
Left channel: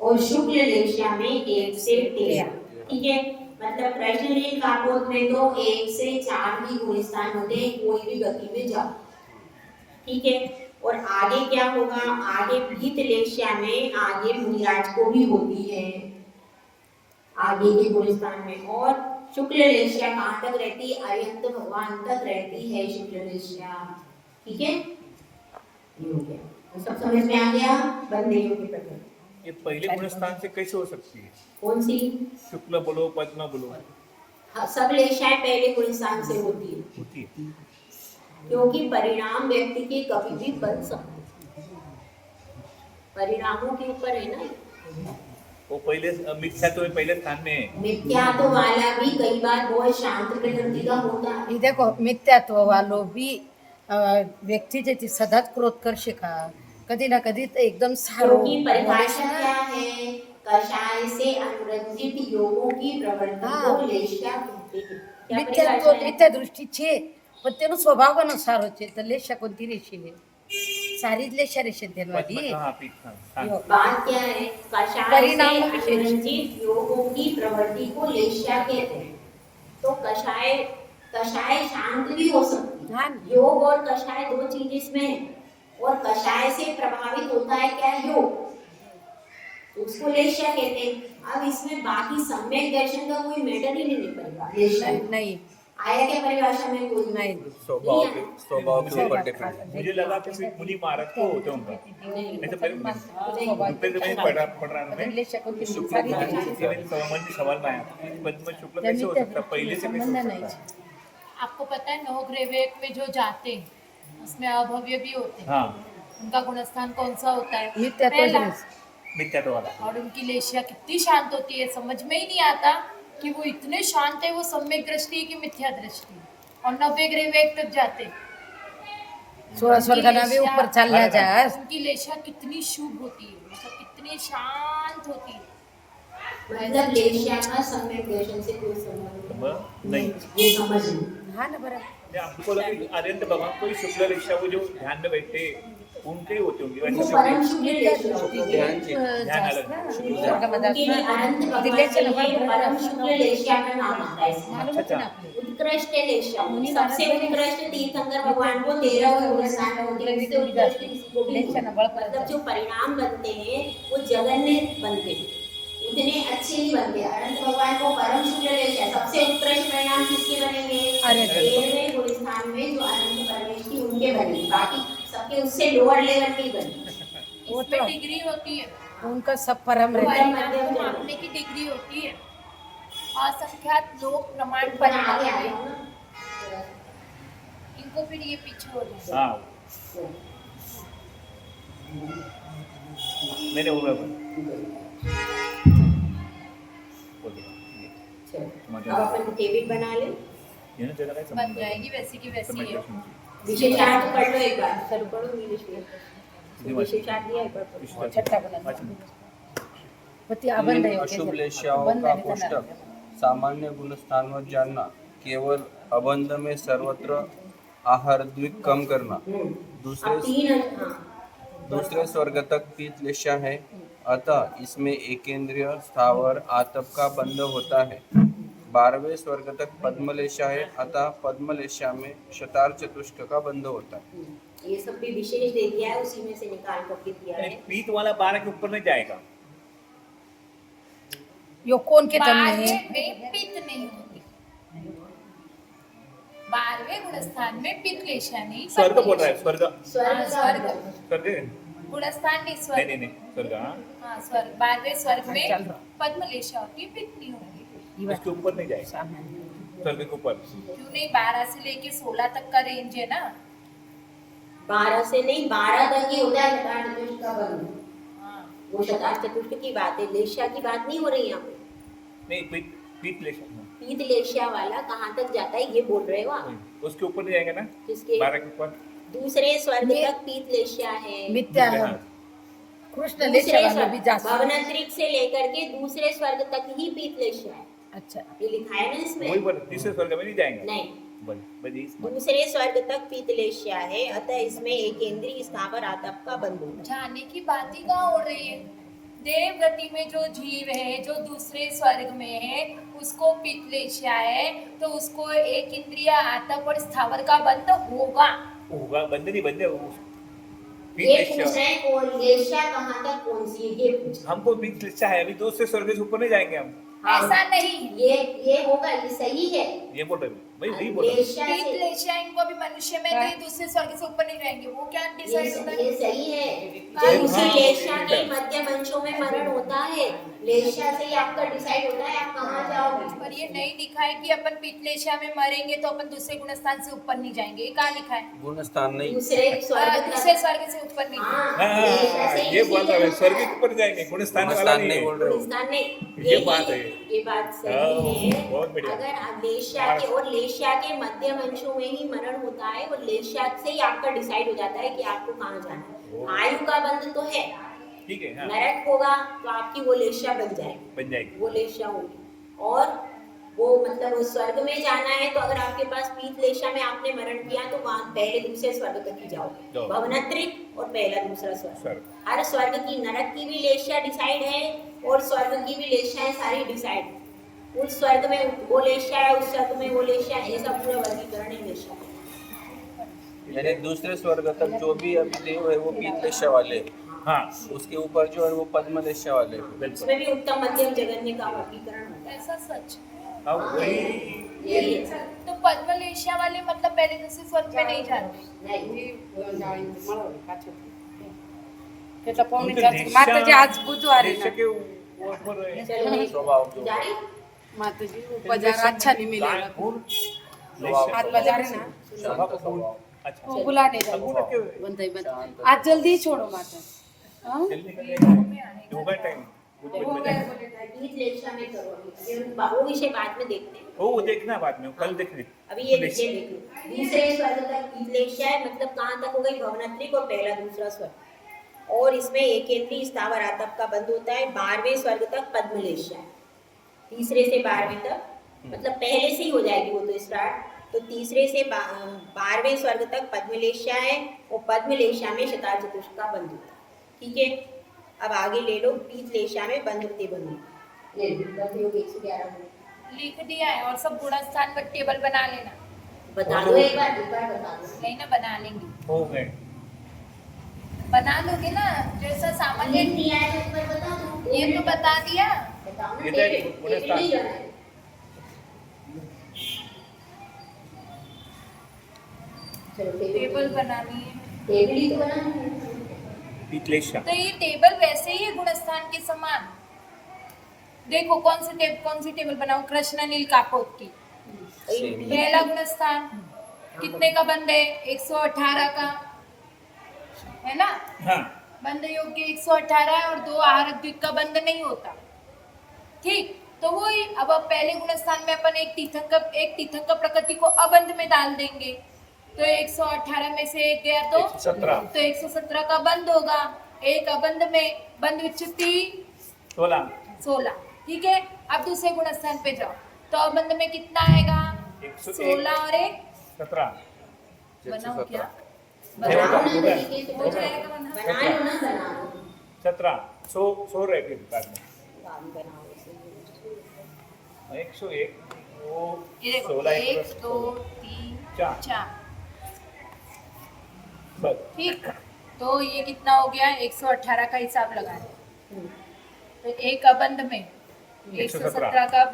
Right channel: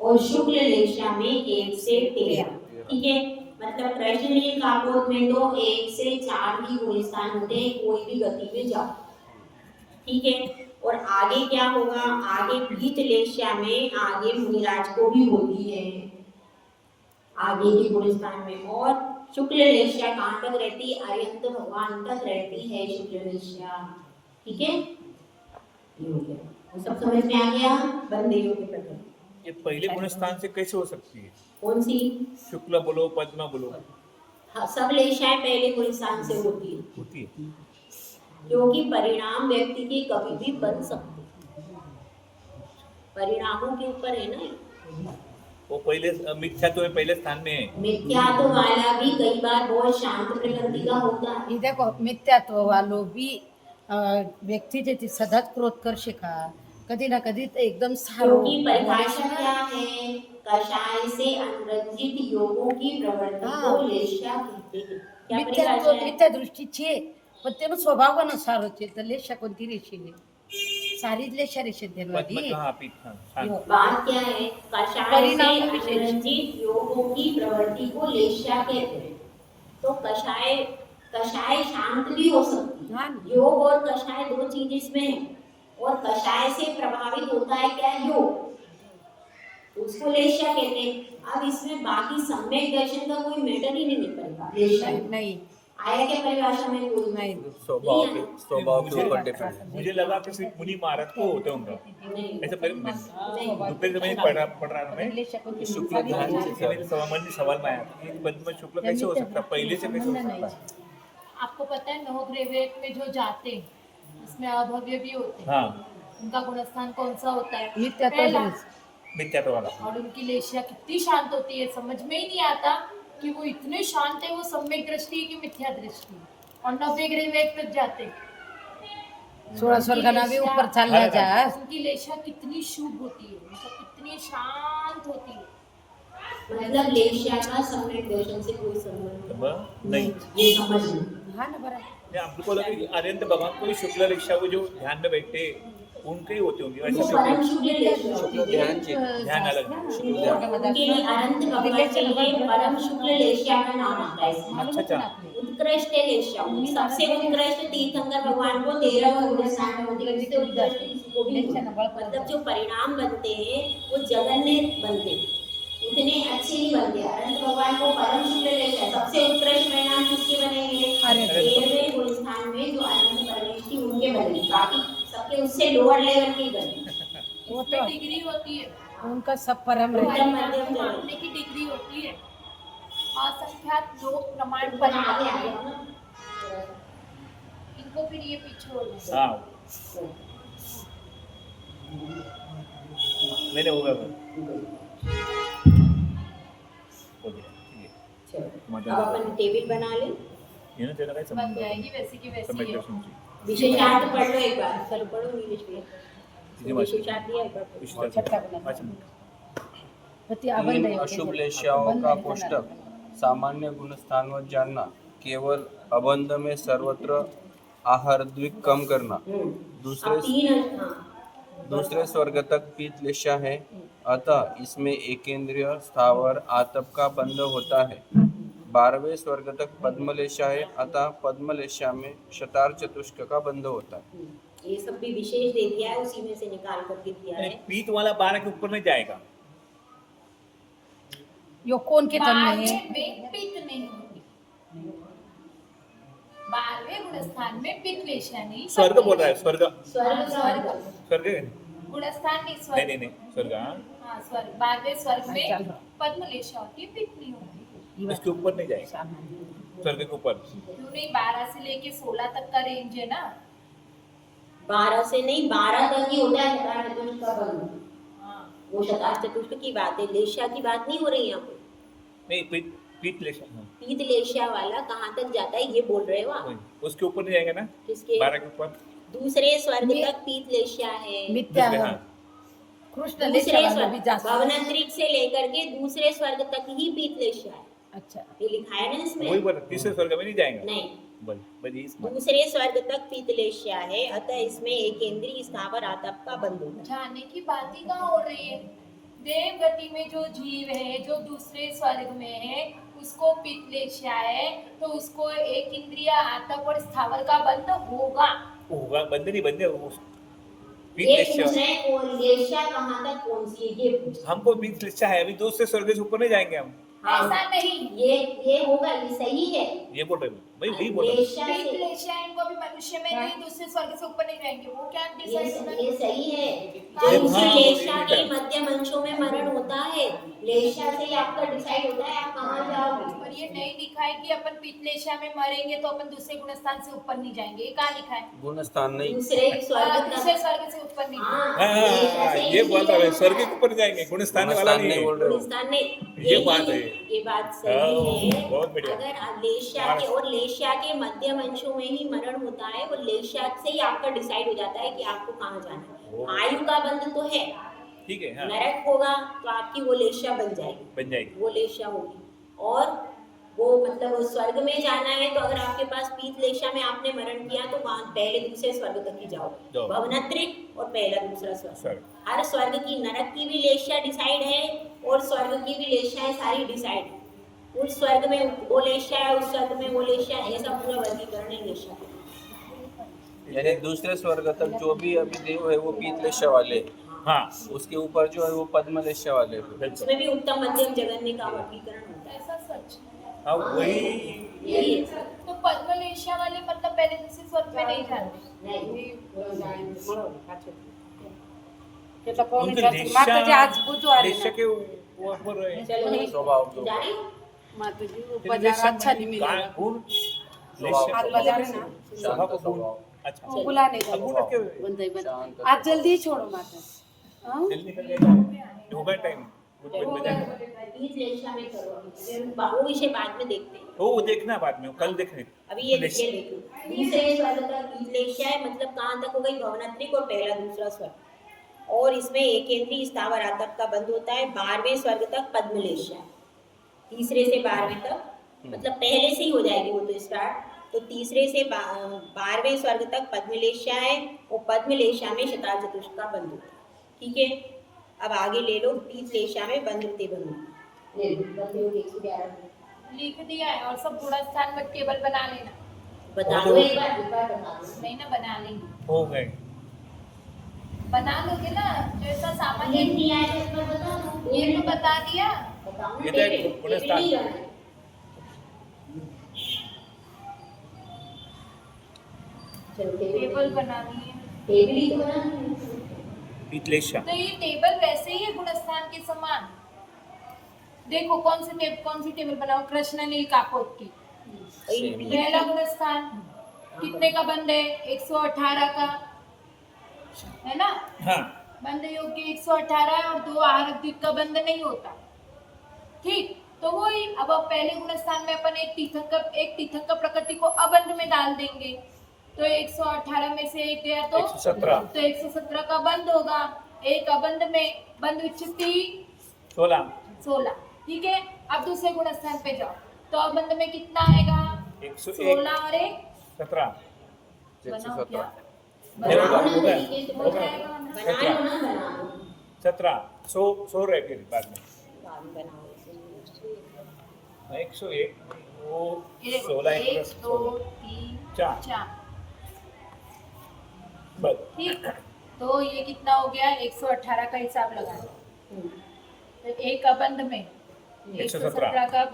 और शुक्ल लेशिया में 1 से 13, ठीक है। मतलब कृष्ण नील कापोत में तो 1 से 4 ही गुण स्थान होते हैं, कोई भी गति में जाओ, ठीक है। और आगे क्या होगा? आगे पीत लेशिया में आगे मुनिराज को भी होती है आगे के गुण स्थान में। और शुक्ल लेशिया कहाँ तक रहती है? अर्यंत भगवान तक रहती है शुक्ल लेशिया, ठीक है। ये हो गया, तो सब समझ में आ गया बंदेयों के प्रकृति। ये पहले गुण स्थान से कैसे हो सकती है? कौन सी? शुक्ल बोलो, पद्मा बोलो, हाँ, सब लेशियाएं पहले गुण स्थान से होती है, क्योंकि परिणाम व्यक्ति के कभी भी बन सकते, परिणामों के ऊपर है ना। वो पहले मिथ्या तो पहले स्थान में है। मिथ्यात्व वाला भी कई बार बहुत शांत प्रकृति का होता है। ये देखो मिथ्यात्व वालों भी व्यक्ती ज्याची सतत क्रोध करशे का कधी ना कधी तर एकदम सारो क्योंकि परिभाषा क्या है? कषाय से अनुरंजित योगों की प्रवृत्ति को लेशिया कहते हैं। क्या मिथ्यात्व परिभाषा है? मिथ्या दृष्टि छे पण તેનો સ્વભાવ કોનો સારો છે તો લેશા કોणती રેશી है सारी लेशा रेशे देनवादी बात क्या है? कषाय से अनुरंजित योगों की प्रवृत्ति को लेशिया कहते हैं। तो कषाय शांत भी हो सकती है, योग और कषाय दो चीज इसमें है। और कषाय से प्रभावित होता है क्या? योग, उसको लेशिया कहते हैं। अब इसमें बाकी सम्यक दर्शन का कोई मैटर ही नहीं पड़ेगा, लेशिया नहीं आया क्या परिभाषा में? कोई नहीं स्वभाव के ऊपर डिपेंड है। मुझे लगा कि सिर्फ मुनि महाराज को होते होंगे ऐसे पहले पढ़ रहा था लेशा कोणती मैं सवाल में आया कि पद्म शुक्ल कैसे हो सकता है, पहले से कैसे हो सकता है? आपको पता है नवग्रह में जो जाते हैं उसमें अभव्य भी होते हैं। हाँ, उनका गुणस्थान कौन सा होता है? मिथ्यात्व पहला। मिथ्यात्व वाला। और उनकी लेशिया कितनी शांत होती है, समझ में ही नहीं आता कि वो इतने शांत है, वो सम्यक दृष्टि की मिथ्या दृष्टि। और 90 ग्रह तक जाते, 16 स्वर्गाना भी ऊपर चालला जा उनकी लेशिया कितनी शुभ होती है, मतलब कितनी शांत होती है। मतलब लेशिया का सम्यक दर्शन से कोई संबंध नहीं, ये समझ लो। हाँ ना बराबर हमको लगा अरिहंत भगवान को शुक्ल लेशिया को जो ध्यान में बैठे उनके ही होते होंगे उनको परम शुक्ल लेशिया होती है। ध्यान अलग उनके लिए अनंत भगवान के लिए परम शुक्ल लेशिया का नाम आता है इसमें। अच्छा, उत्कृष्ट लेशिया, सबसे उत्कृष्ट तीर्थंकर भगवान को 13 गुण स्थान होती है। उससे उत्कृष्ट किसी को भी नहीं। मतलब जो परिणाम बनते हैं वो जगन्य बनते हैं, उतने अच्छे नहीं बनते। अनंत भगवान को परम शुक्ल लेशिया, सबसे उत्कृष्ट परिणाम किसके बनेंगे? 13वें गुण स्थान में जो अनंत परमेश थी उनके बनेंगे, बाकी सबके उससे लोअर लेवल के बने। इसमें डिग्री होती है, उनका सब परम रहता है। मध्यम जगत। मापने की डिग्री होती है। असंख्यात लोग प्रमाण ऊपर बना आगे आ रहे जाओ हैं। ना। इनको फिर ये पीछे हो जाए। हाँ मैंने होगा हो गया ये चलो अब अपन टेबल बना ले। ये ना चला गया बन जाएगी वैसी की वैसी है। विशेषार्थ पढ़ लो एक बार। चलो पढ़ो नीलेश भैया। विशेषार्थ दिया एक बार पढ़ो। छठा बना पति अबंध इन अशुभ लेश्याओं का कोष्टक सामान्य गुण स्थानवत जानना, केवल अबंध में सर्वत्र आहार द्विक कम करना, अब तीन दूसरे स्वर्ग तक पीत लेश्या है, अतः इसमें एकेंद्रिय स्थावर आतप का बंध होता है। 12वें स्वर्ग तक पद्मलेशा है, अतः पद्मलेशा में शतार चतुष्क का बंध होता है। ये सब भी विशेष दे दिया है, उसी में से निकाल करके दिया है। पीठ वाला 12 के ऊपर नहीं जाएगा। यो कौन के तन में है? 12वें में पित्त नहीं होती। 12वें गुण स्थान में पित्त लेशा नहीं। स्वर्ग बोल रहा है स्वर्ग स्वर्ग स्वर्ग स्वर्ग गुण स्थान नहीं नहीं स्वर्ग। नहीं नहीं स्वर्ग हाँ हाँ स्वर्ग 12वें स्वर्ग चल में रहा। पद्म लेशा होती है, पित्त नहीं होती। उसके ऊपर नहीं जाएगा सामान्य स्वर्ग के ऊपर। क्यों नहीं? 12 से लेके 16 तक का रेंज है ना। 12 से नहीं 12 तक ही होता है शतार चतुष्क का बंध। हाँ वो शतार चतुष्क की बात है, लेशा की बात नहीं हो रही यहाँ पे। नहीं पीठ लेशा पीत लेशा वाला कहाँ तक जाता है ये बोल रहे हो आप? उसके ऊपर नहीं जाएगा ना किसके? 12 के ऊपर। दूसरे स्वर्ग तक पीत लेशा है। मिथ्या है। हाँ। कृष्ण दूसरे लेशा वाला स्वर्ग भी जा सकता है। भवनंतरिक से लेकर के दूसरे स्वर्ग तक ही पीत लेशा है। अच्छा ये लिखा है ना वही इसमें? पर तीसरे स्वर्ग में नहीं जाएंगे। नहीं, बड़ी इसमें दूसरे स्वर्ग तक पीत लेशा है, अतः इसमें एकेंद्रीय स्थावर आतप का बंध होता है। जाने की बात ही कहाँ हो रही है? देव गति में जो जीव है, जो दूसरे स्वर्ग में है, उसको पित्त लेशा है, तो उसको एक इंद्रिय आतप और स्थावर का बंध होगा। होगा बंद नहीं बंदे ये पूछ रहे हैं कौन लेशा कहाँ तक कौन सी है, ये पूछ रहे हैं। हमको पीठ लेशा है अभी दूसरे स्वर्ग से ऊपर नहीं जाएंगे हम। हाँ, ऐसा नहीं। ये होगा, ये सही है। ये बोल रहे भाई वही बोल रहे लेशा पित्त से लेशा इनको भी मनुष्य में नहीं, दूसरे स्वर्ग से ऊपर नहीं रहेंगे। वो क्या डिसाइड होता है? ये सही है। जब उसी लेशा के मध्यम अंशों में मरण होता है, लेशा से ही आपका डिसाइड होता है आप कहाँ जाओगे। और ये नहीं लिखा है कि अपन पित्त लेशा में मरेंगे तो अपन दूसरे गुण स्थान से ऊपर नहीं जाएंगे। ये कहाँ लिखा है? गुण स्थान नहीं, दूसरे स्वर्ग दूसरे तक। स्वर्ग से ऊपर नहीं। हाँ, लेशा से ये ही बोल रहे हैं सीधा स्वर्ग के ऊपर जाएंगे गुण स्थान गुण वाला स्थान नहीं नहीं है। बोल रहे हो। गुणस्थान नहीं, ये बात है। ये बात सही हाँ, बहुत है। बढ़िया। अगर लेशा के और लेशा के मध्यम अंशों में ही मरण होता है, वो लेशा से ही आपका डिसाइड हो जाता है कि आपको कहाँ जाना है। आयु का बंध तो है, ठीक है हाँ नरक होगा तो आपकी वो लेशा बन जाएगी, बन जाएगी। वो लेशा होगी। और वो मतलब उस स्वर्ग में जाना है तो अगर आपके पास पीत लेशा में आपने मरण किया तो वहाँ पहले दूसरे स्वर्ग तक ही जाओ, जाओ। भवनत्रिक और पहला दूसरा स्वर्ग। स्वर्ग। हर स्वर्ग की, नरक की भी लेशा डिसाइड है और स्वर्ग की भी लेशाएं सारी डिसाइड। उस स्वर्ग में वो लेशा है, उस स्वर्ग में वो लेशा है, ऐसा पूरा वर्गीकरण है लेशा का। यानी दूसरे स्वर्ग तक जो भी अभी देव है वो पीत लेशा वाले, हाँ उसके ऊपर जो है वो पद्म लेशा वाले हैं। बिल्कुल उसमें भी उत्तम मध्यम जगन्य का वर्गीकरण होता है। ऐसा सच। हाँ वही यही है। तो पद्म लेशा वाले मतलब पहले दूसरे स्वर्ग में नहीं जाते। કેટલા પૌની उनके ચાલતી માતાજી આજ બુધવારે लेशा के वो बोल रहे हैं चलो स्वभाव जो जाने માતાજી બજાર अच्छा नहीं मिलेगा गुण स्वभाव आज बाजार है ना शांत स्वभाव, अच्छा वो बुलाने जाओ बंदाई बंद आज जल्दी ही छोड़ो माता हाँ जल्दी कर होगा टाइम पीत लेशा में करो अभी, वो विषय बाद में देखते हैं। वो देखना बाद में कल देखने अभी ये विषय देख लो। दूसरे स्वर्ग तक पीत लेशा है, मतलब कहाँ तक हो गई? भवनत्रिक और पहला दूसरा स्वर्ग। और इसमें एकेंद्रीय स्थावर आतप का बंध होता है। 12वें स्वर्ग तक पद्म लेशा है, तीसरे से 12वें तक, मतलब पहले से ही हो जाएगी वो तो स्टार्ट। तो तीसरे से 12वें स्वर्ग तक पद्म लेशा है और पद्म लेशा में शतार चतुष्क का बंध होता है। ठीक है, अब आगे ले लो। पीत लेशा में बंध होते बंध ले लो, बंध योग 111 लिख दिया है और सब गुण स्थान का टेबल बना लेना। बता दो एक बार बता दो। नहीं ना, बना लेंगे। हो गए बना लोगे ना, जैसा सामान्य लिख दिया है तो एक बार बता दो। ये तो बता दिया। बताओ ना, ये तो टेबल टेबल नहीं जाना है। चलो टेबल बनानी है। टेबल ही तो बनानी है। पित्लेशा तो ये टेबल वैसे ही है गुणस्थान के समान। देखो कौन सी टेबल बनाओ, कृष्णनील कापोत की। सेम पहला गुणस्थान कितने का बंद है? 118 का, है ना? हाँ बंध योग्य 118 है और 2 आहारक द्विक का बंध नहीं होता। ठीक, तो वही अब पहले गुणस्थान में अपन एक तीर्थंकर प्रकृति को अबंध में डाल देंगे, तो 118 में से एक गया तो 117 तो 117 का बंध होगा। एक अबंध में बंध विच्छित्ति 16। ठीक है, अब दूसरे गुणस्थान पे जाओ तो अबंध में कितना आएगा? 101 16 और एक 17 बनाओ क्या? 117 बनाओ ना हो गया। तरीके से हो जाएगा बना। बना लो ना, बनाओ 17 100 रह गए बाद में बाद में बनाओ इसे। 101 वो ये देखो 16 1 2 3 चार। 4। बस ठीक, तो ये कितना हो गया? 118 का हिसाब लगाए। हम्म, तो एक अबंध में 117 का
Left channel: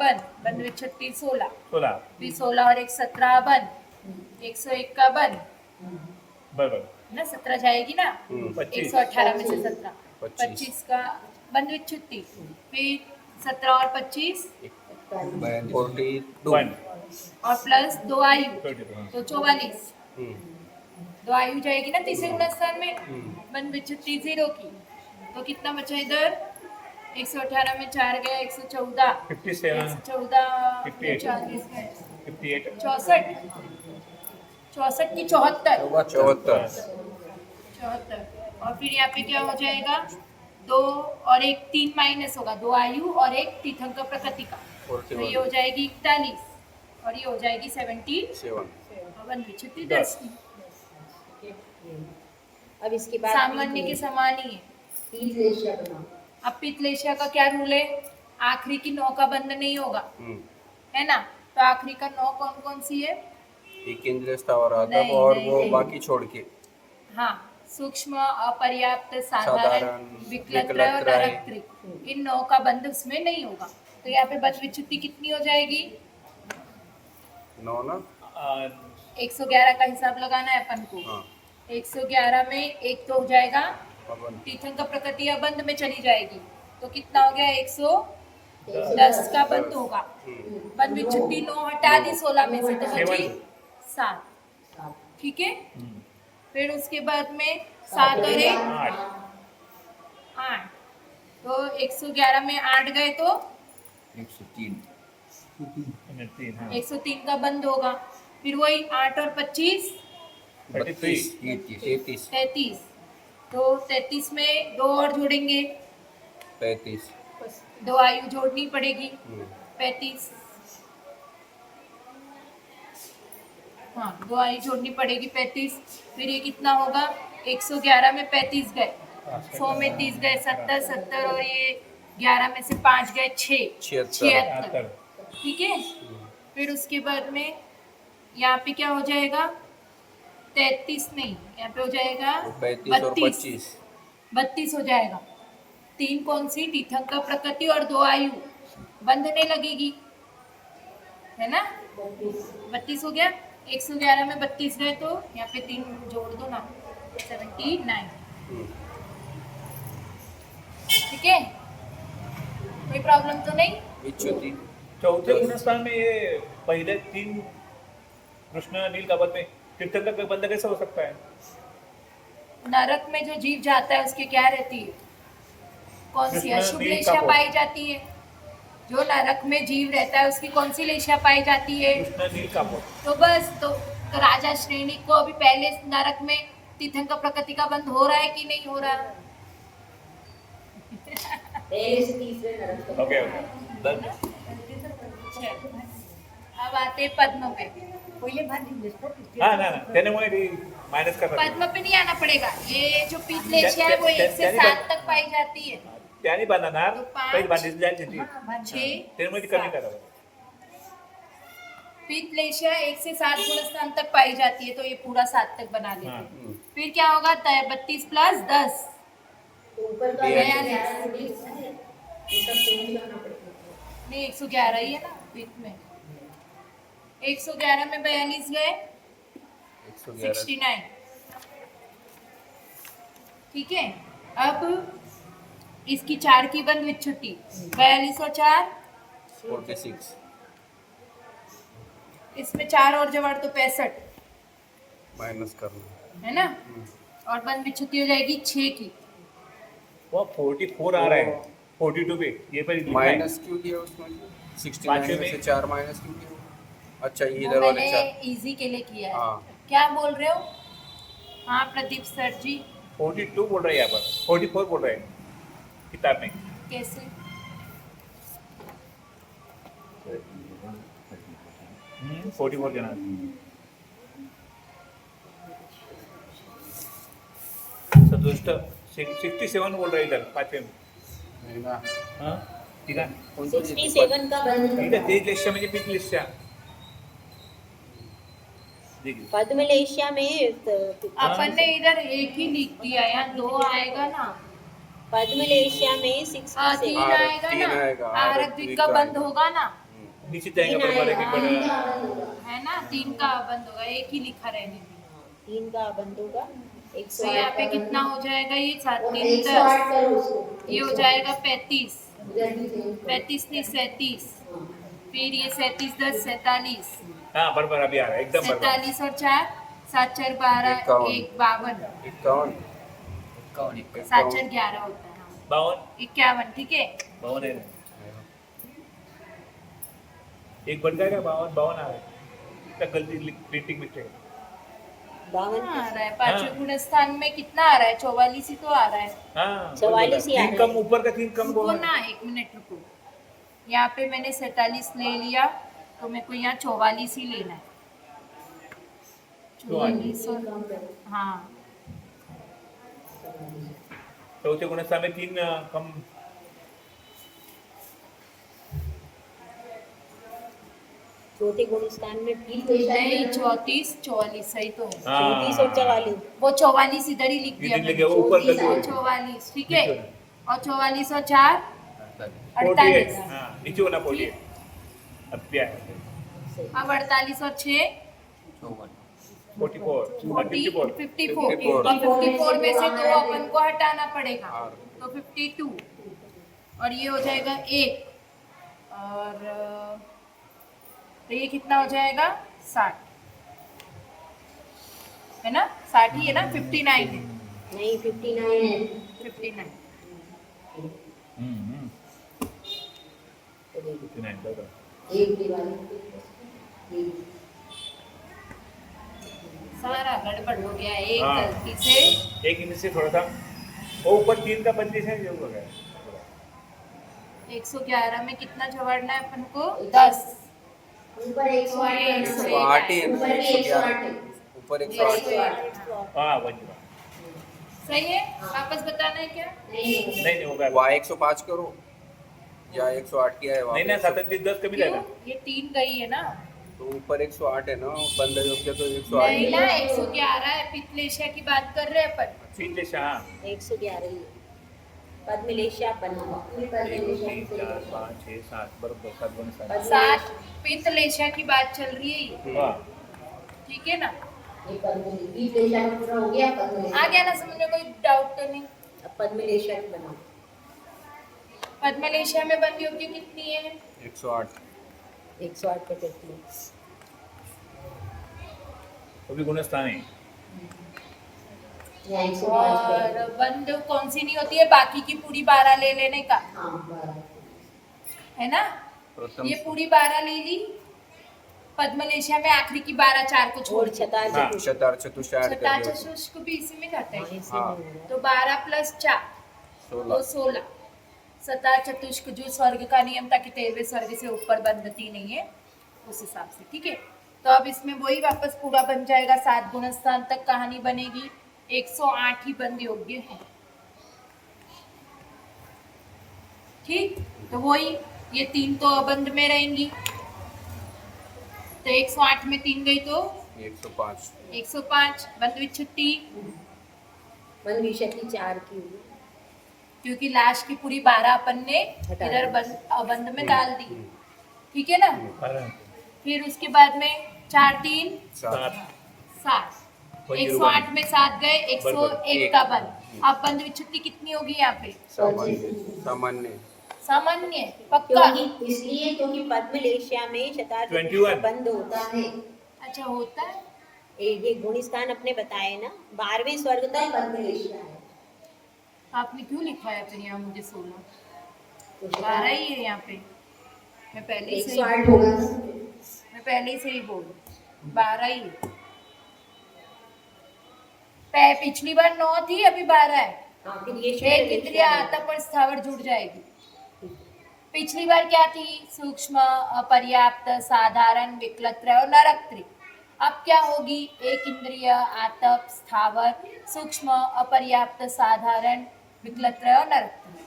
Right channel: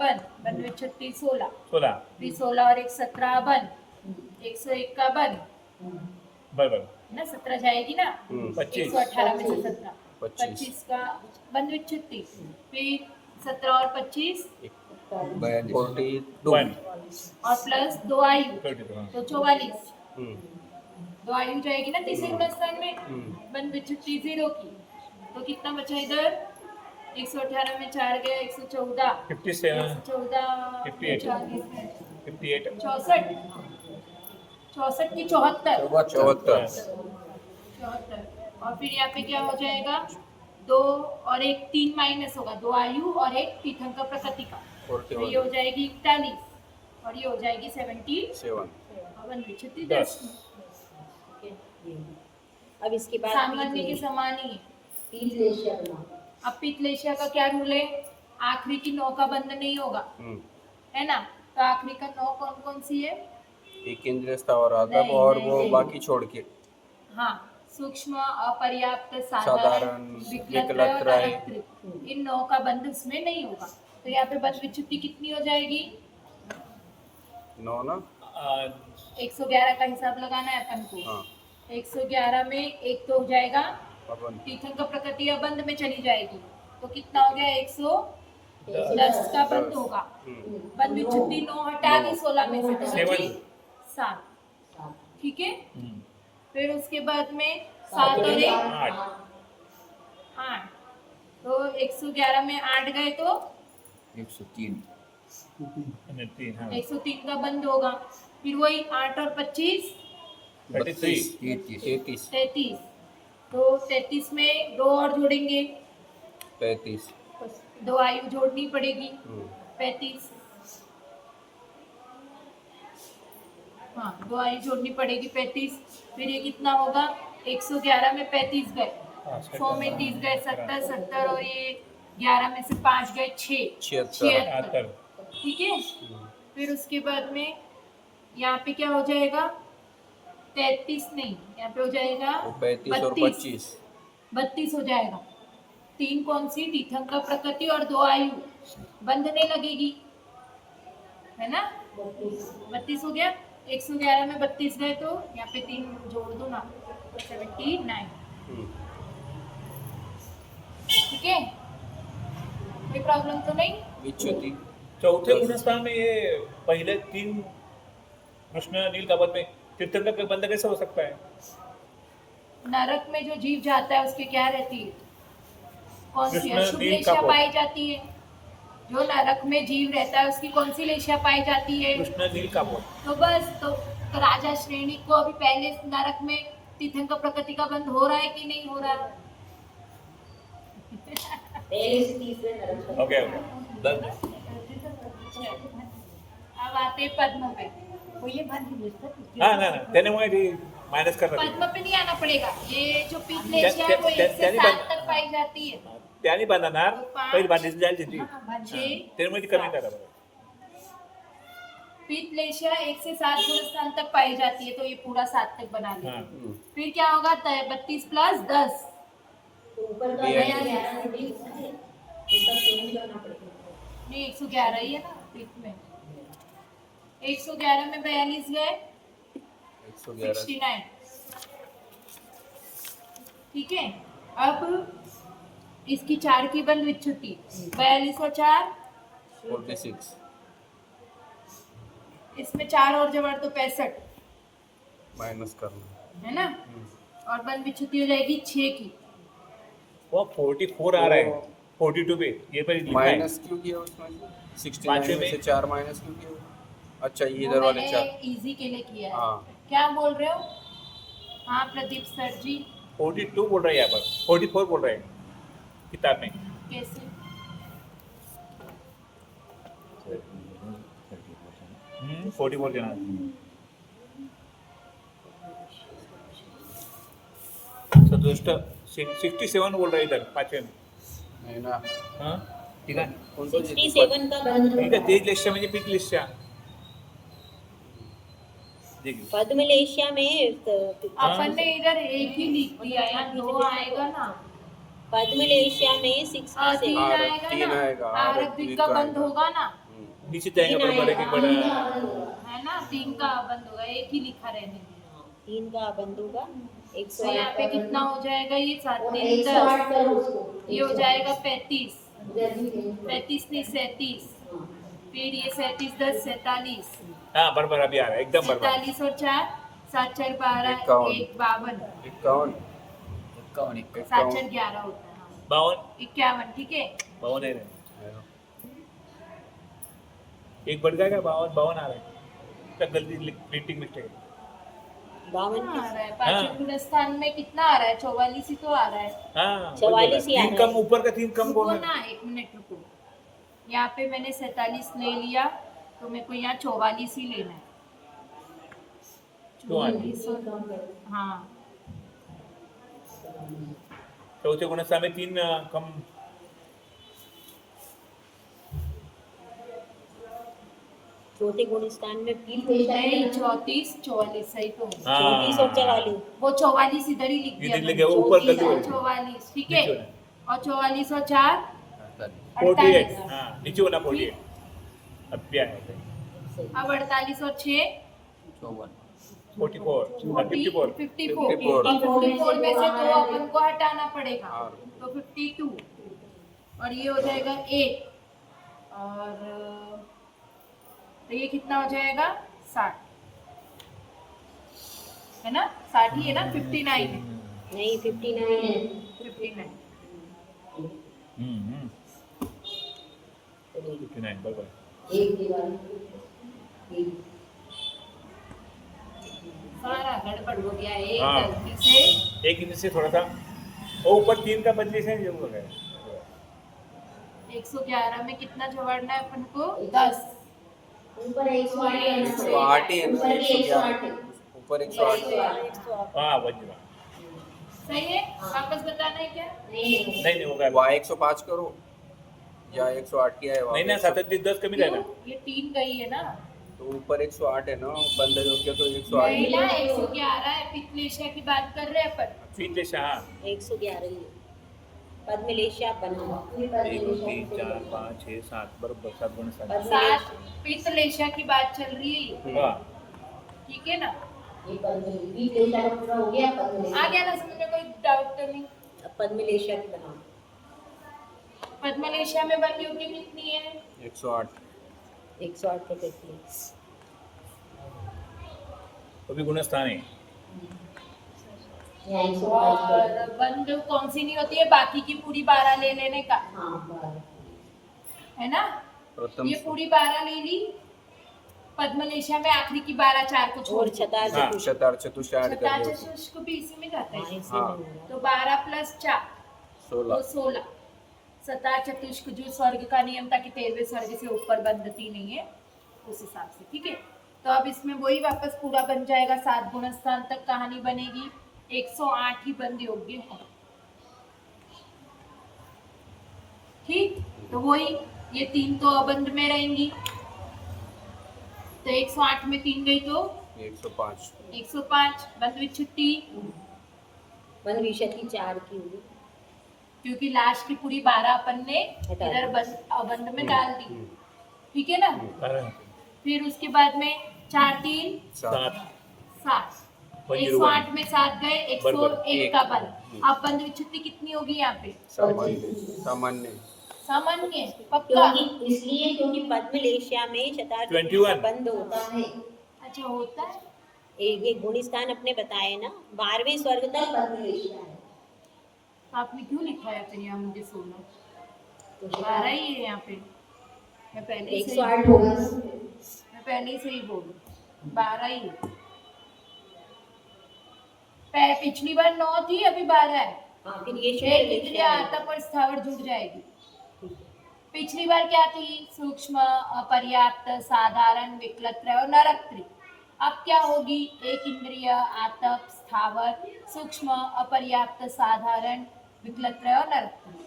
बंध विच्छित्ति 16, 16 फिर 16 और एक 17 बंध, 101 का बंध, बराबर ना 17 जाएगी ना, 25 118 में से 17, 25 25 का बंध विच्छित्ति, फिर 17 और 25 42 1 और प्लस 2 आयु 32 तो 44। हम्म, 2 आयु जाएगी ना तीसरे गुणस्थान में, बंध विच्छित्ति 0 की, तो कितना बचा इधर? 118 में 4 गया 114, 57 114 58 4 गए 58 64, 64 की 74, 74 और फिर यहाँ पे क्या हो जाएगा? 2 और एक 3 माइनस होगा, 2 आयु और एक तीर्थंकर प्रकृति का, तो ये हो जाएगी 41 और ये हो जाएगी 77। 7 10 अब इसके बाद सामान्य के समान ही है। पीतलेशिया बनाओ। अब पितलेशिया का क्या रूल है? आखिरी की 9 का बंध नहीं होगा, है ना? तो आखिरी का 9 कौन कौन सी है? एक इंद्रिय स्थावर आतप नहीं, और नहीं, वो नहीं। बाकी छोड़ के हाँ, सूक्ष्म, अपर्याप्त, साधारण, साधारण, विकलत्रय और विकलत्रय। नरकत्रय, इन 9 का बंध उसमें नहीं होगा। तो यहाँ पे बंध विच्छित्ति कितनी हो जाएगी? 9 ना 111 का हिसाब लगाना है अपन को। हाँ 111 में एक तो हो जाएगा अपन तीर्थंकर प्रकृति अबंध में चली जाएगी, तो कितना हो गया? 110 का बंध होगा। बंध विच्छित्ति 9 हटा दी 16 में से, तो बची 7। ठीक है, फिर उसके बाद में 7 और 1 8, तो 111 में 8 गए तो 3 हाँ 103 का बंद होगा। फिर वही 8 और 25 32 33, तो 33 में 2 और जोड़ेंगे, 35 2 आयु जोड़नी पड़ेगी, 35। हाँ, 2 आयु जोड़नी पड़ेगी 35। फिर ये कितना होगा? 111 में 35 गए, 100 में 30 गए 70, 70 और ये 11 में से 5 गए 6, 76। ठीक है, फिर उसके बाद में यहाँ पे क्या हो जाएगा? 33 नहीं, यहाँ पे हो जाएगा 35 और 25 32 हो जाएगा। 3 कौन सी? तीर्थंकर प्रकृति और 2 आयु बंधने लगेगी, है ना? 32 हो गया। 111 में 32 गए तो यहाँ पे 3 जोड़ दो ना, 79। ठीक है, कोई प्रॉब्लम तो नहीं? विच्छुति चौथे गुणस्थान में ये पहले 3 कृष्ण नील का बंध में तीर्थंकर का बंध कैसे हो सकता है? नरक में जो जीव जाता है उसकी क्या रहती है? कौन सी कृष्ण अशुभ नील लेशा कपोत। पाई जाती है? जो नरक में जीव रहता है उसकी कौन सी लेशा पाई जाती है? कृष्ण नील का बंध तो बस तो राजा श्रेणी को अभी पहले नरक में तीर्थंकर प्रकृति का बंध हो रहा है कि नहीं हो रहा? पहले से तीसरे नरक तक। ओके डन अब आते पद्म पे। हाँ ना तेने वो माइनस कर रहा पद्म पे नहीं आना पड़ेगा, ये जो पीतलेशिया है वो 1 से 7 तक पाई जाती है। त्याने बांधणार पहिली बांधीच जाईल तिथे 6 तेरे मध्ये कमी करा पीतलेशिया 1 से 7 गुणस्थान तक पाई जाती है, तो ये पूरा 7 तक बना लेते हैं। फिर क्या होगा? 32 प्लस 10, तो ऊपर का 11 में भी इसका चेंज करना पड़ेगा। नहीं 111 ही है ना पीत में। 111 में 42 गए 111 69। ठीक है, अब इसकी 4 की बंद विद छुट्टी 42 और 4 46 इसमें 4 और जवाब तो 65 माइनस करना। है ना। और बंद विद छुट्टी हो जाएगी 6 की। वो 44 आ रहा है 42 पे ये पर लिखा है। माइनस क्यों किया उसमें? 69 पांचवें में से में। 4 माइनस क्यों किया? अच्छा, ये वो इधर वाले मैंने 4। इजी के लिए किया है। हाँ। क्या बोल रहे हो? हाँ प्रदीप सर जी 42 बोल रहा है यहाँ पर 44 बोल रहा है किताब में। कैसे? 44 के नाम सदुष्ट 67 बोल रहा है इधर 5वें में। नहीं ना। हाँ ठीक है 67 का बंद ठीक है तेज लेशा म्हणजे पीक लेशा देखिए पद्मलेशिया में अपन ने इधर एक ही लिख दिया, यहाँ 2 आएगा ना। पद्मलेशिया में 3 67 आएगा तीन ना। आएगा, आरक द्वीप का बंद होगा ना, नीचे जाएंगे पर एक बड़ा है ना। 3 का बंद होगा, एक ही लिखा रहने दीजिए। 3 का बंद होगा तो यहाँ पे कितना हो जाएगा? ये 7 3 10 ये हो जाएगा 35 35 नहीं 37 फिर ये 37 10 47 हाँ बराबर अभी आ रहा है एकदम बराबर 47 और 4 7 4 12 51 1 52 51 7 4 11 होता है 52 51 ठीक है। 52 है एक बढ़ जाएगा 52 आ रहा है तक गलती प्रिंटिंग मिस्टेक आ रहा है पांचवें गुण स्थान में कितना आ रहा है? 44 ही तो आ रहा है। हाँ 44 ही आ तीन रहा कम ऊपर का 3 कम रुको बोल ना 1 मिनट रुको। यहाँ पे मैंने 47 ले लिया तो मेरे को यहाँ 44 ही लेना है। 44 हाँ चौथे गुणस्थान में 3 कम चौथे गुणस्थान में नहीं 34 44 सही तो है। हाँ 34 और 44 वो 44 इधर ही लिख दिया इधर मैंने। लिखे ऊपर गलती हो 44 ठीक है। और 44 और 4 48 48 हाँ नीचे होना 48 अब क्या है अब 48 और 6 44 और 54 54 में से 2 अपन को हटाना पड़ेगा तो 52 और ये हो जाएगा 1 और तो ये कितना हो जाएगा 60 है ना। 60 ही है ना 59 है नहीं 59 है 59 59 बराबर एक दिवाली सारा गड़बड़ हो गया एक हाँ। गलती से। एक इनमें से थोड़ा सा वो ऊपर 3 का 25 है जरूर हो गया 111 में कितना जोड़ना है अपन को? 10 ऊपर 108 108 ही है ना, 111 ऊपर 108 हाँ बन गया सही है। वापस बताना है क्या? नहीं होगा वहाँ 105 करो या 108 किया है वहाँ नहीं ना 37 10 कमी क्यों? जाएगा ये 3 गई है ना। तो ऊपर 108 है ना बंद योग्य तो 108 नहीं ना 111 है। पित्तलेशिया की बात कर रहे हैं अपन। पीछे से हाँ 111 ही पद्मलेशिया बंद 1 2 3 4 5 6 7 बराबर 7 गुण 7 पित्तलेशिया की बात चल रही है ये, वाह ठीक है ना। ये पद्मलेशिया का पूरा हो गया आ गया ना समझ में? कोई डाउट तो नहीं? अब पद्मलेशिया की बनाओ पद्मलेशिया में बंद योग्य कितनी है? 108 108 पे करती है वो भी गुणस्थान है या 105 पे और बंद कौन सी नहीं होती है? बाकी की पूरी 12 ले लेने का हाँ है ना। प्रथम ये पूरी 12 ले ली। पद्मलेशिया में आखिरी की 12 4 को छोड़ और दिया। छतार हाँ। चतुष्ट शतार चतुष्ट ऐड कर छठा दिया चतुष्क भी इसी में जाता हाँ है। इसी हाँ। में हो रहा तो 12 प्लस 4 तो 16 16 सतार चतुष्क जो स्वर्ग का नियम था कि 13वें स्वर्ग से ऊपर बंधती नहीं है उस हिसाब से, ठीक है। तो अब इसमें वही वापस पूरा बन जाएगा। 7 गुणस्थान तक कहानी बनेगी। 108 ही बंद योग्य है, ठीक। तो वही ये 3 तो अबंध में रहेंगी तो 108 में 3 गई तो 105 105 बंद विद छुट्टी मन विषति 4 की हुई क्योंकि लास्ट की पूरी 12 अपन ने हटा इधर दी। अबंध में डाल दी, ठीक है ना। हाँ, फिर उसके बाद में 4 3 7 7 7 वन 108 में 7 गए 101 का बंद अब बंद विच्छित्ति कितनी होगी यहाँ पे? सामान्य सामान्य सामान्य पक्का? क्योंकि इसलिए क्योंकि पद्मलेशिया में शतार्थ 21 बंद होता है। अच्छा होता है। ये गुण स्थान अपने बताए ना, 12वें स्वर्ग तक पद्मलेशिया है। आपने क्यों लिखा है फिर यहाँ मुझे 16? तो 12 ही है यहाँ पे। मैं पहले ही सही 108 होगा। मैं पहले ही सही बोलूं, 12 ही है। पिछली बार 9 थी, अभी 12 है। हाँ, फिर ये एक शुक्ल इंद्रिया लेशिया है। आता पर स्थावर जुड़ जाएगी। ठीक है। पिछली बार क्या थी? सूक्ष्म, अपर्याप्त, साधारण, विकलत्रय और नरकत्रय। अब क्या होगी? एक इंद्रिय, आतप, स्थावर, सूक्ष्म, अपर्याप्त, साधारण, विकलत्रय और नरकत्रय।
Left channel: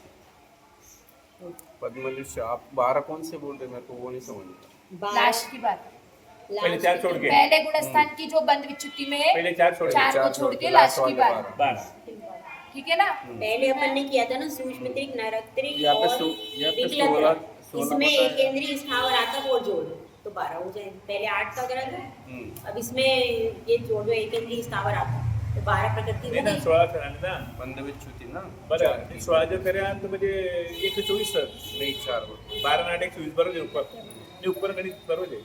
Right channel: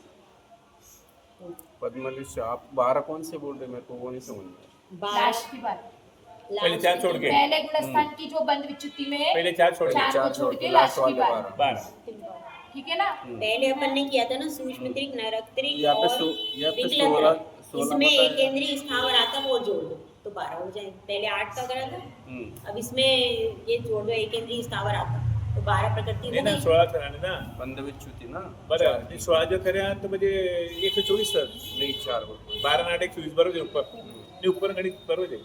पद्मलेशिया आप 12 कौन से बोल रहे, मेरे को वो नहीं समझ में आया। लास्ट की बात। पहले 4 छोड़ के, पहले गुणस्थान की जो बंद विच्युति में है, पहले 4 छोड़ के, 4 को छोड़ के लास्ट की वाले बात। 12। 12 ठीक है ना? पहले अपन ने किया था ना, सूक्ष्म त्रिक, नरकत्रिक यहाँ पे और यहाँ पे विकलत्रय। 16 इसमें बताया। एक केंद्रीय स्थावर आता वो जोड़ दो तो 12 हो जाए। पहले 8 का करा था, अब इसमें ये जोड़ दो, एक केंद्रीय स्थावर आता तो 12 प्रकृति नाही हो ना, गई। 16 कराने ना. बंद विच्युती ना बरं, चार ते की. 16 जर करा तर म्हणजे 124 सर. नाही 4 बरोबर. 12 8 124 बरोबर आहे उपकर. मी उपकर गणित बरोबर आहे.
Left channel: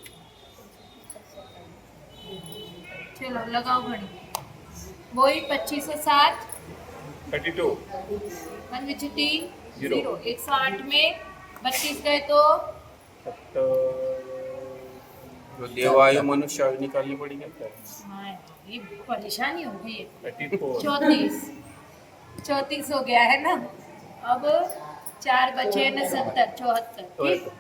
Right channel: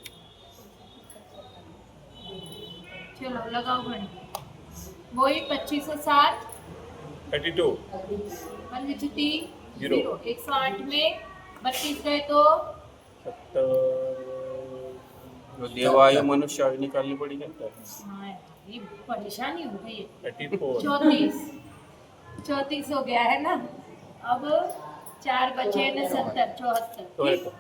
चलो लगाओ गणित। वही 2507 32 बंद विच्युति जीरो। 0। 108 में 32 गए तो 70 जो देवायु मनुष्य आयु निकालनी पड़ेगी ना. हाँ, ये परेशानी हो गई है। 34 34 हो गया है ना। अब 4 बचे न 70 74। ठीक।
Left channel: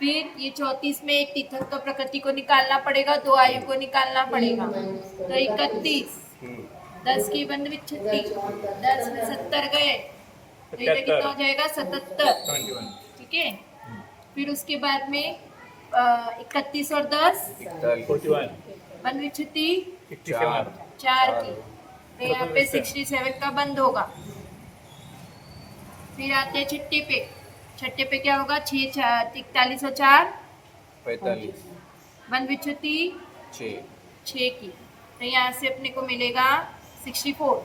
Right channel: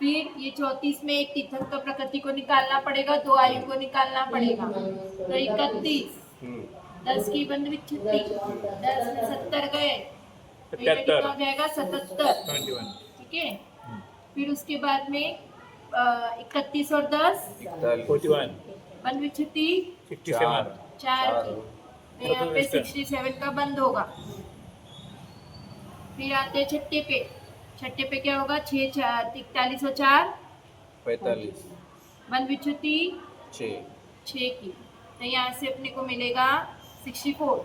फिर ये 34 में एक तीर्थंकर प्रकृति को निकालना पड़ेगा, 2 आयु को निकालना पड़ेगा, तो 31। 10 की बंद विच्छित्ति, 10 में 70 गए तो ये कितना हो जाएगा? 77। 21 ठीक है। फिर उसके बाद में 31 और 10 41 बंद विच्छित्ति 67 4 की, तो यहाँ पे 67 का बंद होगा। फिर आते हैं छठे पे। छठे पे क्या होगा? 6 41 और 4 45 बंद विच्छित्ति 6. 6 की, तो यहाँ से अपने को मिलेगा 64।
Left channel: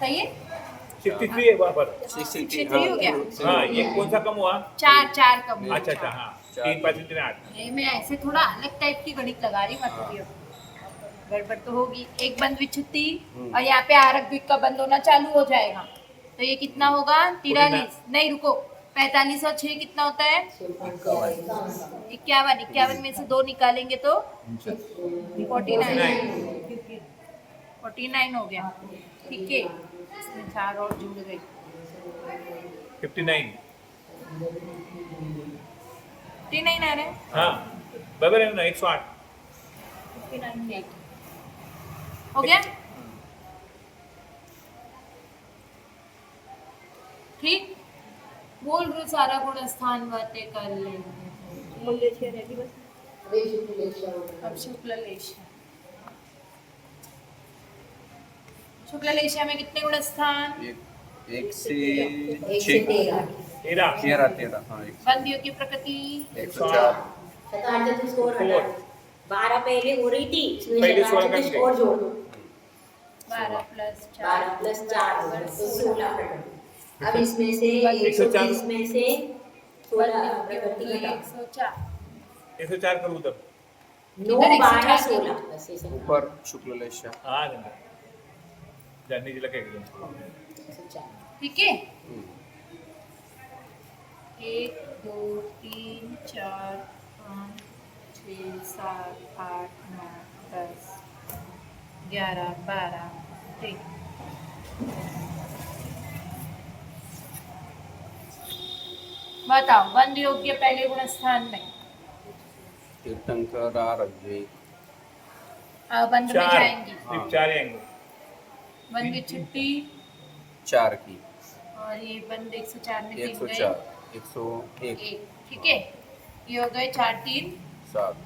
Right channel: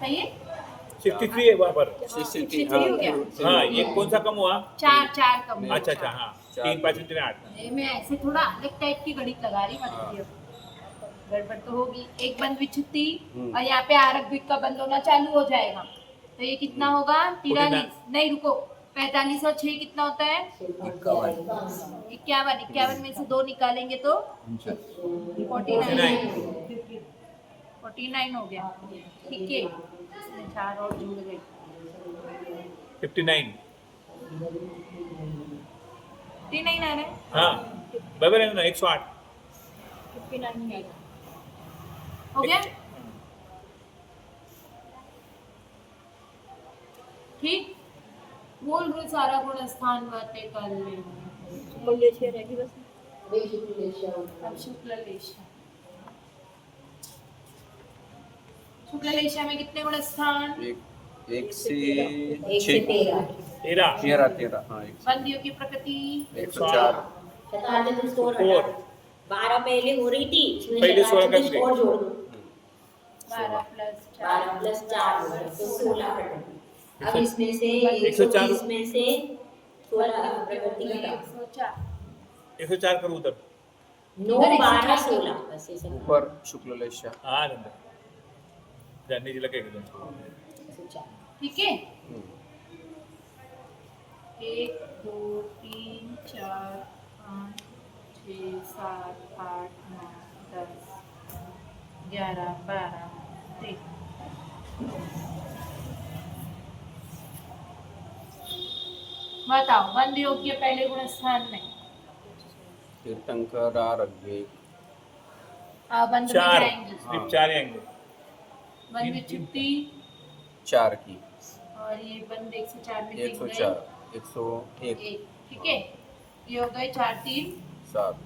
सही है? 63 है वहाँ पर. 63 हो गया। हाँ, एक कौन सा कम हुआ? 4 का हुआ। अच्छा अच्छा, हाँ 3 5 3 8. ये मैं ऐसे थोड़ा अलग टाइप की गणित लगा रही, मत करियो, गड़बड़ तो होगी। एक बंद विच्छित्ति और यहाँ पे आरक द्विक का बंद होना चालू हो जाएगा, तो ये कितना होगा? 43। नहीं रुको, 45 और 6 कितना होता है? 51। 51 में से 2 निकालेंगे तो 49 हो गया। ठीक है, इसमें 4 और जुड़ गई। 59. 59 आ रहे हैं। हाँ बरोबर आहे ना, 108. 59 हो गया। ठीक, बोल रहे सारा गुण स्थान बातें कर ले। अब शुक्ल लेशिया। शुक्ल लेशिया में कितने गुण स्थान? एक से 1 से 13। 13 हाँ. बंदियों की प्रकृति 104. शतार्थ तो स्कोर हटा दो। 12 पहले हो रही थी, इसमें पहले शतार्थ 16 तो कर स्कोर जोड़ दो। 12 प्लस 12 प्लस 4 होगा तो 16 हटा। अब इसमें से 104 120 में से 16 प्रकृति घटाओ। 104। 104 करू तब. 9 12 16 बस ये सब। ऊपर शुक्ल लेशा. हाँ नंतर जानने जिला का एकदम. 104। ठीक है। 1 2 3 4 5 6 7 8 9 10 11 12 13। बताओ, बंद योग्य पहले गुण स्थान में तीर्थंकर आरग्य बंद में 4 जाएंगी। सिर्फ 4 आएंगे. बंद की छुट्टी 4 की. और ये बंद 104 में 3 गए 104 101 1। ठीक है, ये हो गए 4 3, 7.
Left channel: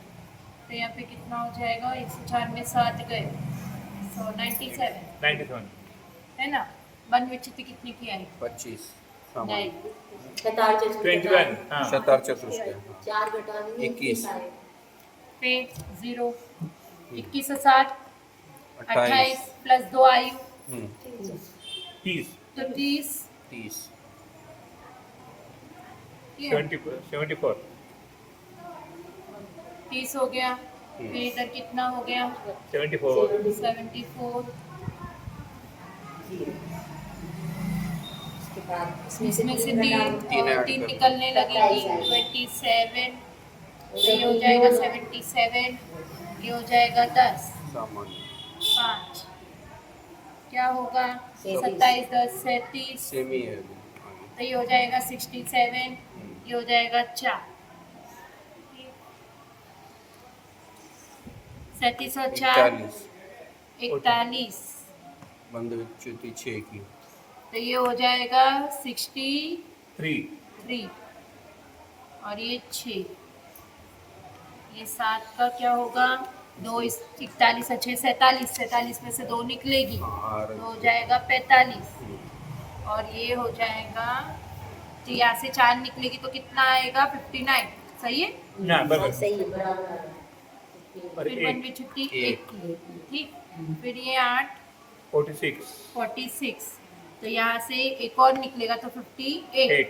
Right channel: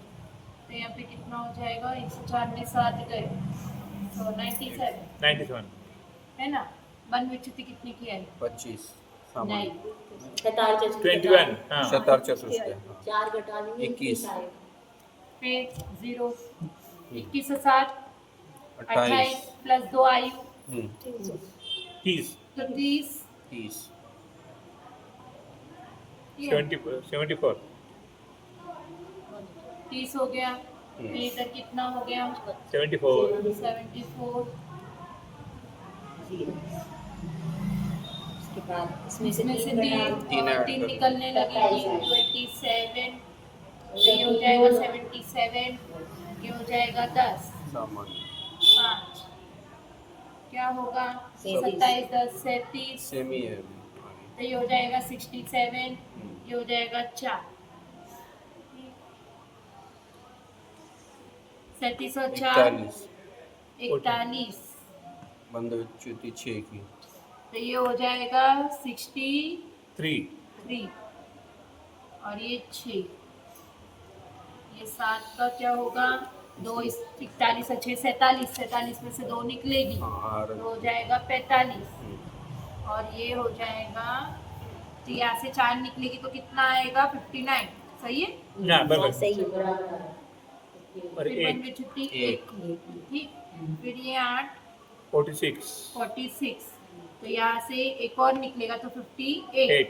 तो यहाँ पे कितना हो जाएगा? 104 में 7 गए, so 97 97. है ना। बंद विच्छित्ति कितनी की आई? 25 सामान्य. नहीं, शतार्थ 21. हाँ शतार चतुष्टय. 4 घटा देंगे 21. पे 0 21 से 60 28 28 प्लस 2 आयु 30 तो 30 30 ये 74 30 हो गया। फिर इधर कितना हो गया? 74 74। उसके बाद इसमें से इसमें से तीन घटा दो। तीन ऐड तीन कर दो। निकलने लगेगी। 27। ये हो जाएगा 77। ये हो जाएगा 10। सामान्य 5 क्या होगा? 37। 27 10 37। सेमी है आगे। तो ये हो जाएगा 67। ये हो जाएगा 4। 37 और 4 41। बंद विच्युति 6 की। तो ये हो जाएगा 63 3 और ये 6। ये 7 का क्या होगा? 2 41 और 6 47। 47 में से 2 निकलेगी हाँ, तो हो जाएगा 45। और ये हो जाएगा, तो यहाँ से 4 निकलेगी तो कितना आएगा? 59। सही है? ना हाँ, बराबर सही है, बराबर है। और फिर 1 में छुट्टी 1। ठीक। फिर ये 8 46 46। तो यहाँ से एक और निकलेगा तो 58। 8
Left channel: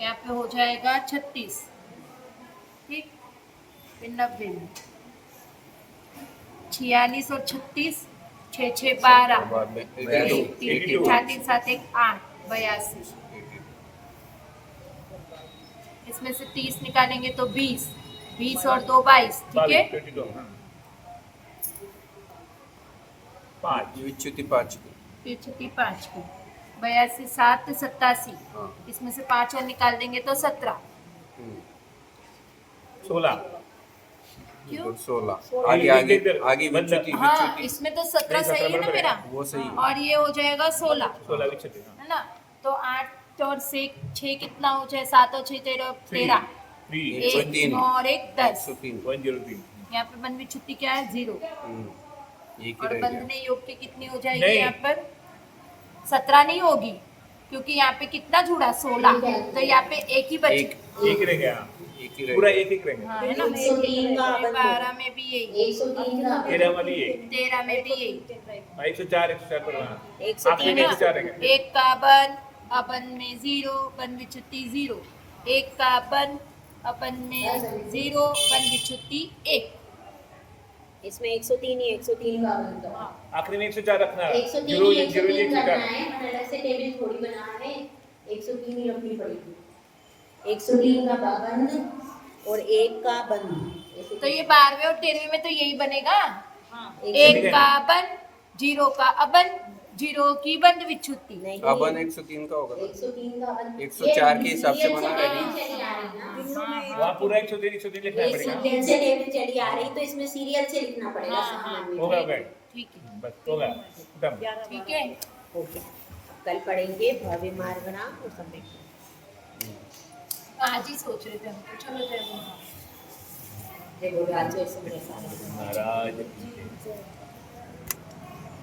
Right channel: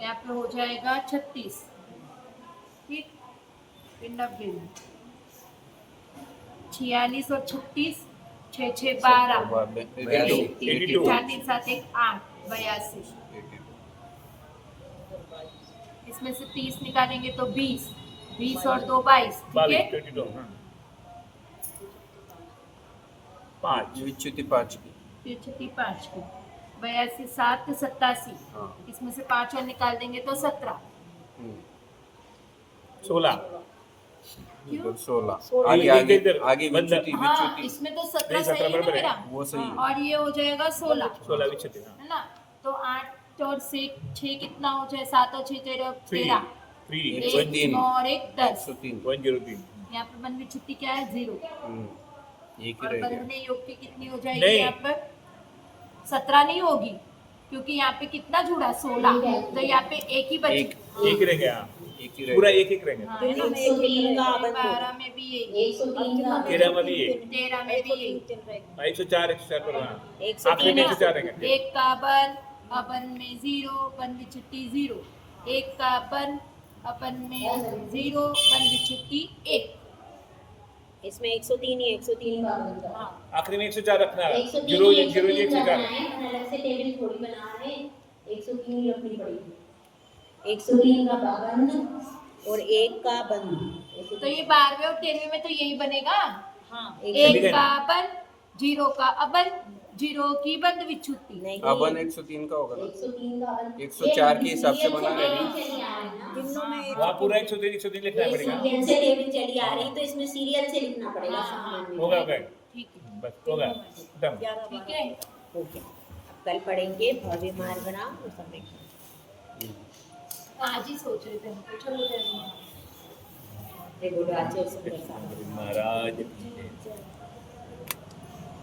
यहाँ पे हो जाएगा 36। ठीक। फिर 90 में 46 और 36 6 6 12 बाद में 82 4 3 7 1 8 82। इसमें से 30 निकालेंगे तो 20। 20 और 2 22। ठीक है। 22 5 विच्युति 5 की। फिर छुट्टी 5 की। 82 7 87। हाँ। इसमें से 5 और निकाल देंगे तो 17। 16 क्यों? इधर 16 सोलह। आगे आगे आगे बंद। विच्युति हाँ, विच्युति इसमें तो 17 नहीं, 17 सही है ना बराबर है। मेरा। वो सही है। और ये हो जाएगा 16 16 विच्छेद है ना। तो 8 और 6 कितना हो जाए? 7 और 6 13 13। 3 103 और 1 10। 103 103 यहाँ पे बंद में छुट्टी क्या है? 0। एक ही और रह बंद गया। में योग की कितनी हो जाएगी? नहीं। यहाँ पर 17 नहीं होगी क्योंकि यहाँ पे कितना जुड़ा? 16। तो यहाँ पे एक ही बची। एक रह गया एक ही रह पूरा गया। एक रह गया हाँ, है ना? 103 का बंद। 12 में भी यही। 103 का 13 में भी एक 13 में भी यही। 104 पर वहाँ 103 आखिरी में 104 रह गया। एक का बन अपन में 0 बन विच्छुट्टी 0। एक का बन अपन में 0 बन विच्छुट्टी 1। इसमें 103 ही 103 का बंद करा। आखिरी में 104 रखना है 103 जीरो ही जीरो 103 करना 104 है, मन अलग से टेबल थोड़ी बना है। 103 ही रखनी पड़ेगी। 103 का बंद और 1 का बंद। तो ये 12वें और 13वें में तो यही बनेगा। हाँ, 1 का बन 0 का अबन 0 की बंद विच्छुट्टी। नहीं, अपन 103 का होगा ना। 103 का बंद। 104 के हिसाब से बना है रहेगा। चली आ रही ना। वहाँ पूरा 103 लिखना एक पड़ेगा सीरियल से टेबल चली आ रही तो इसमें सीरियल से लिखना पड़ेगा सामने में। होगा गए ठीक है। बस होगा खत्म ठीक है। ओके, अब कल पढ़ेंगे भव्य मार्ग बनाम और संवेग। आज ही सोच रहे थे हम तो। चलो जय जय बोलो आचार्य सुंदर सागर। महाराज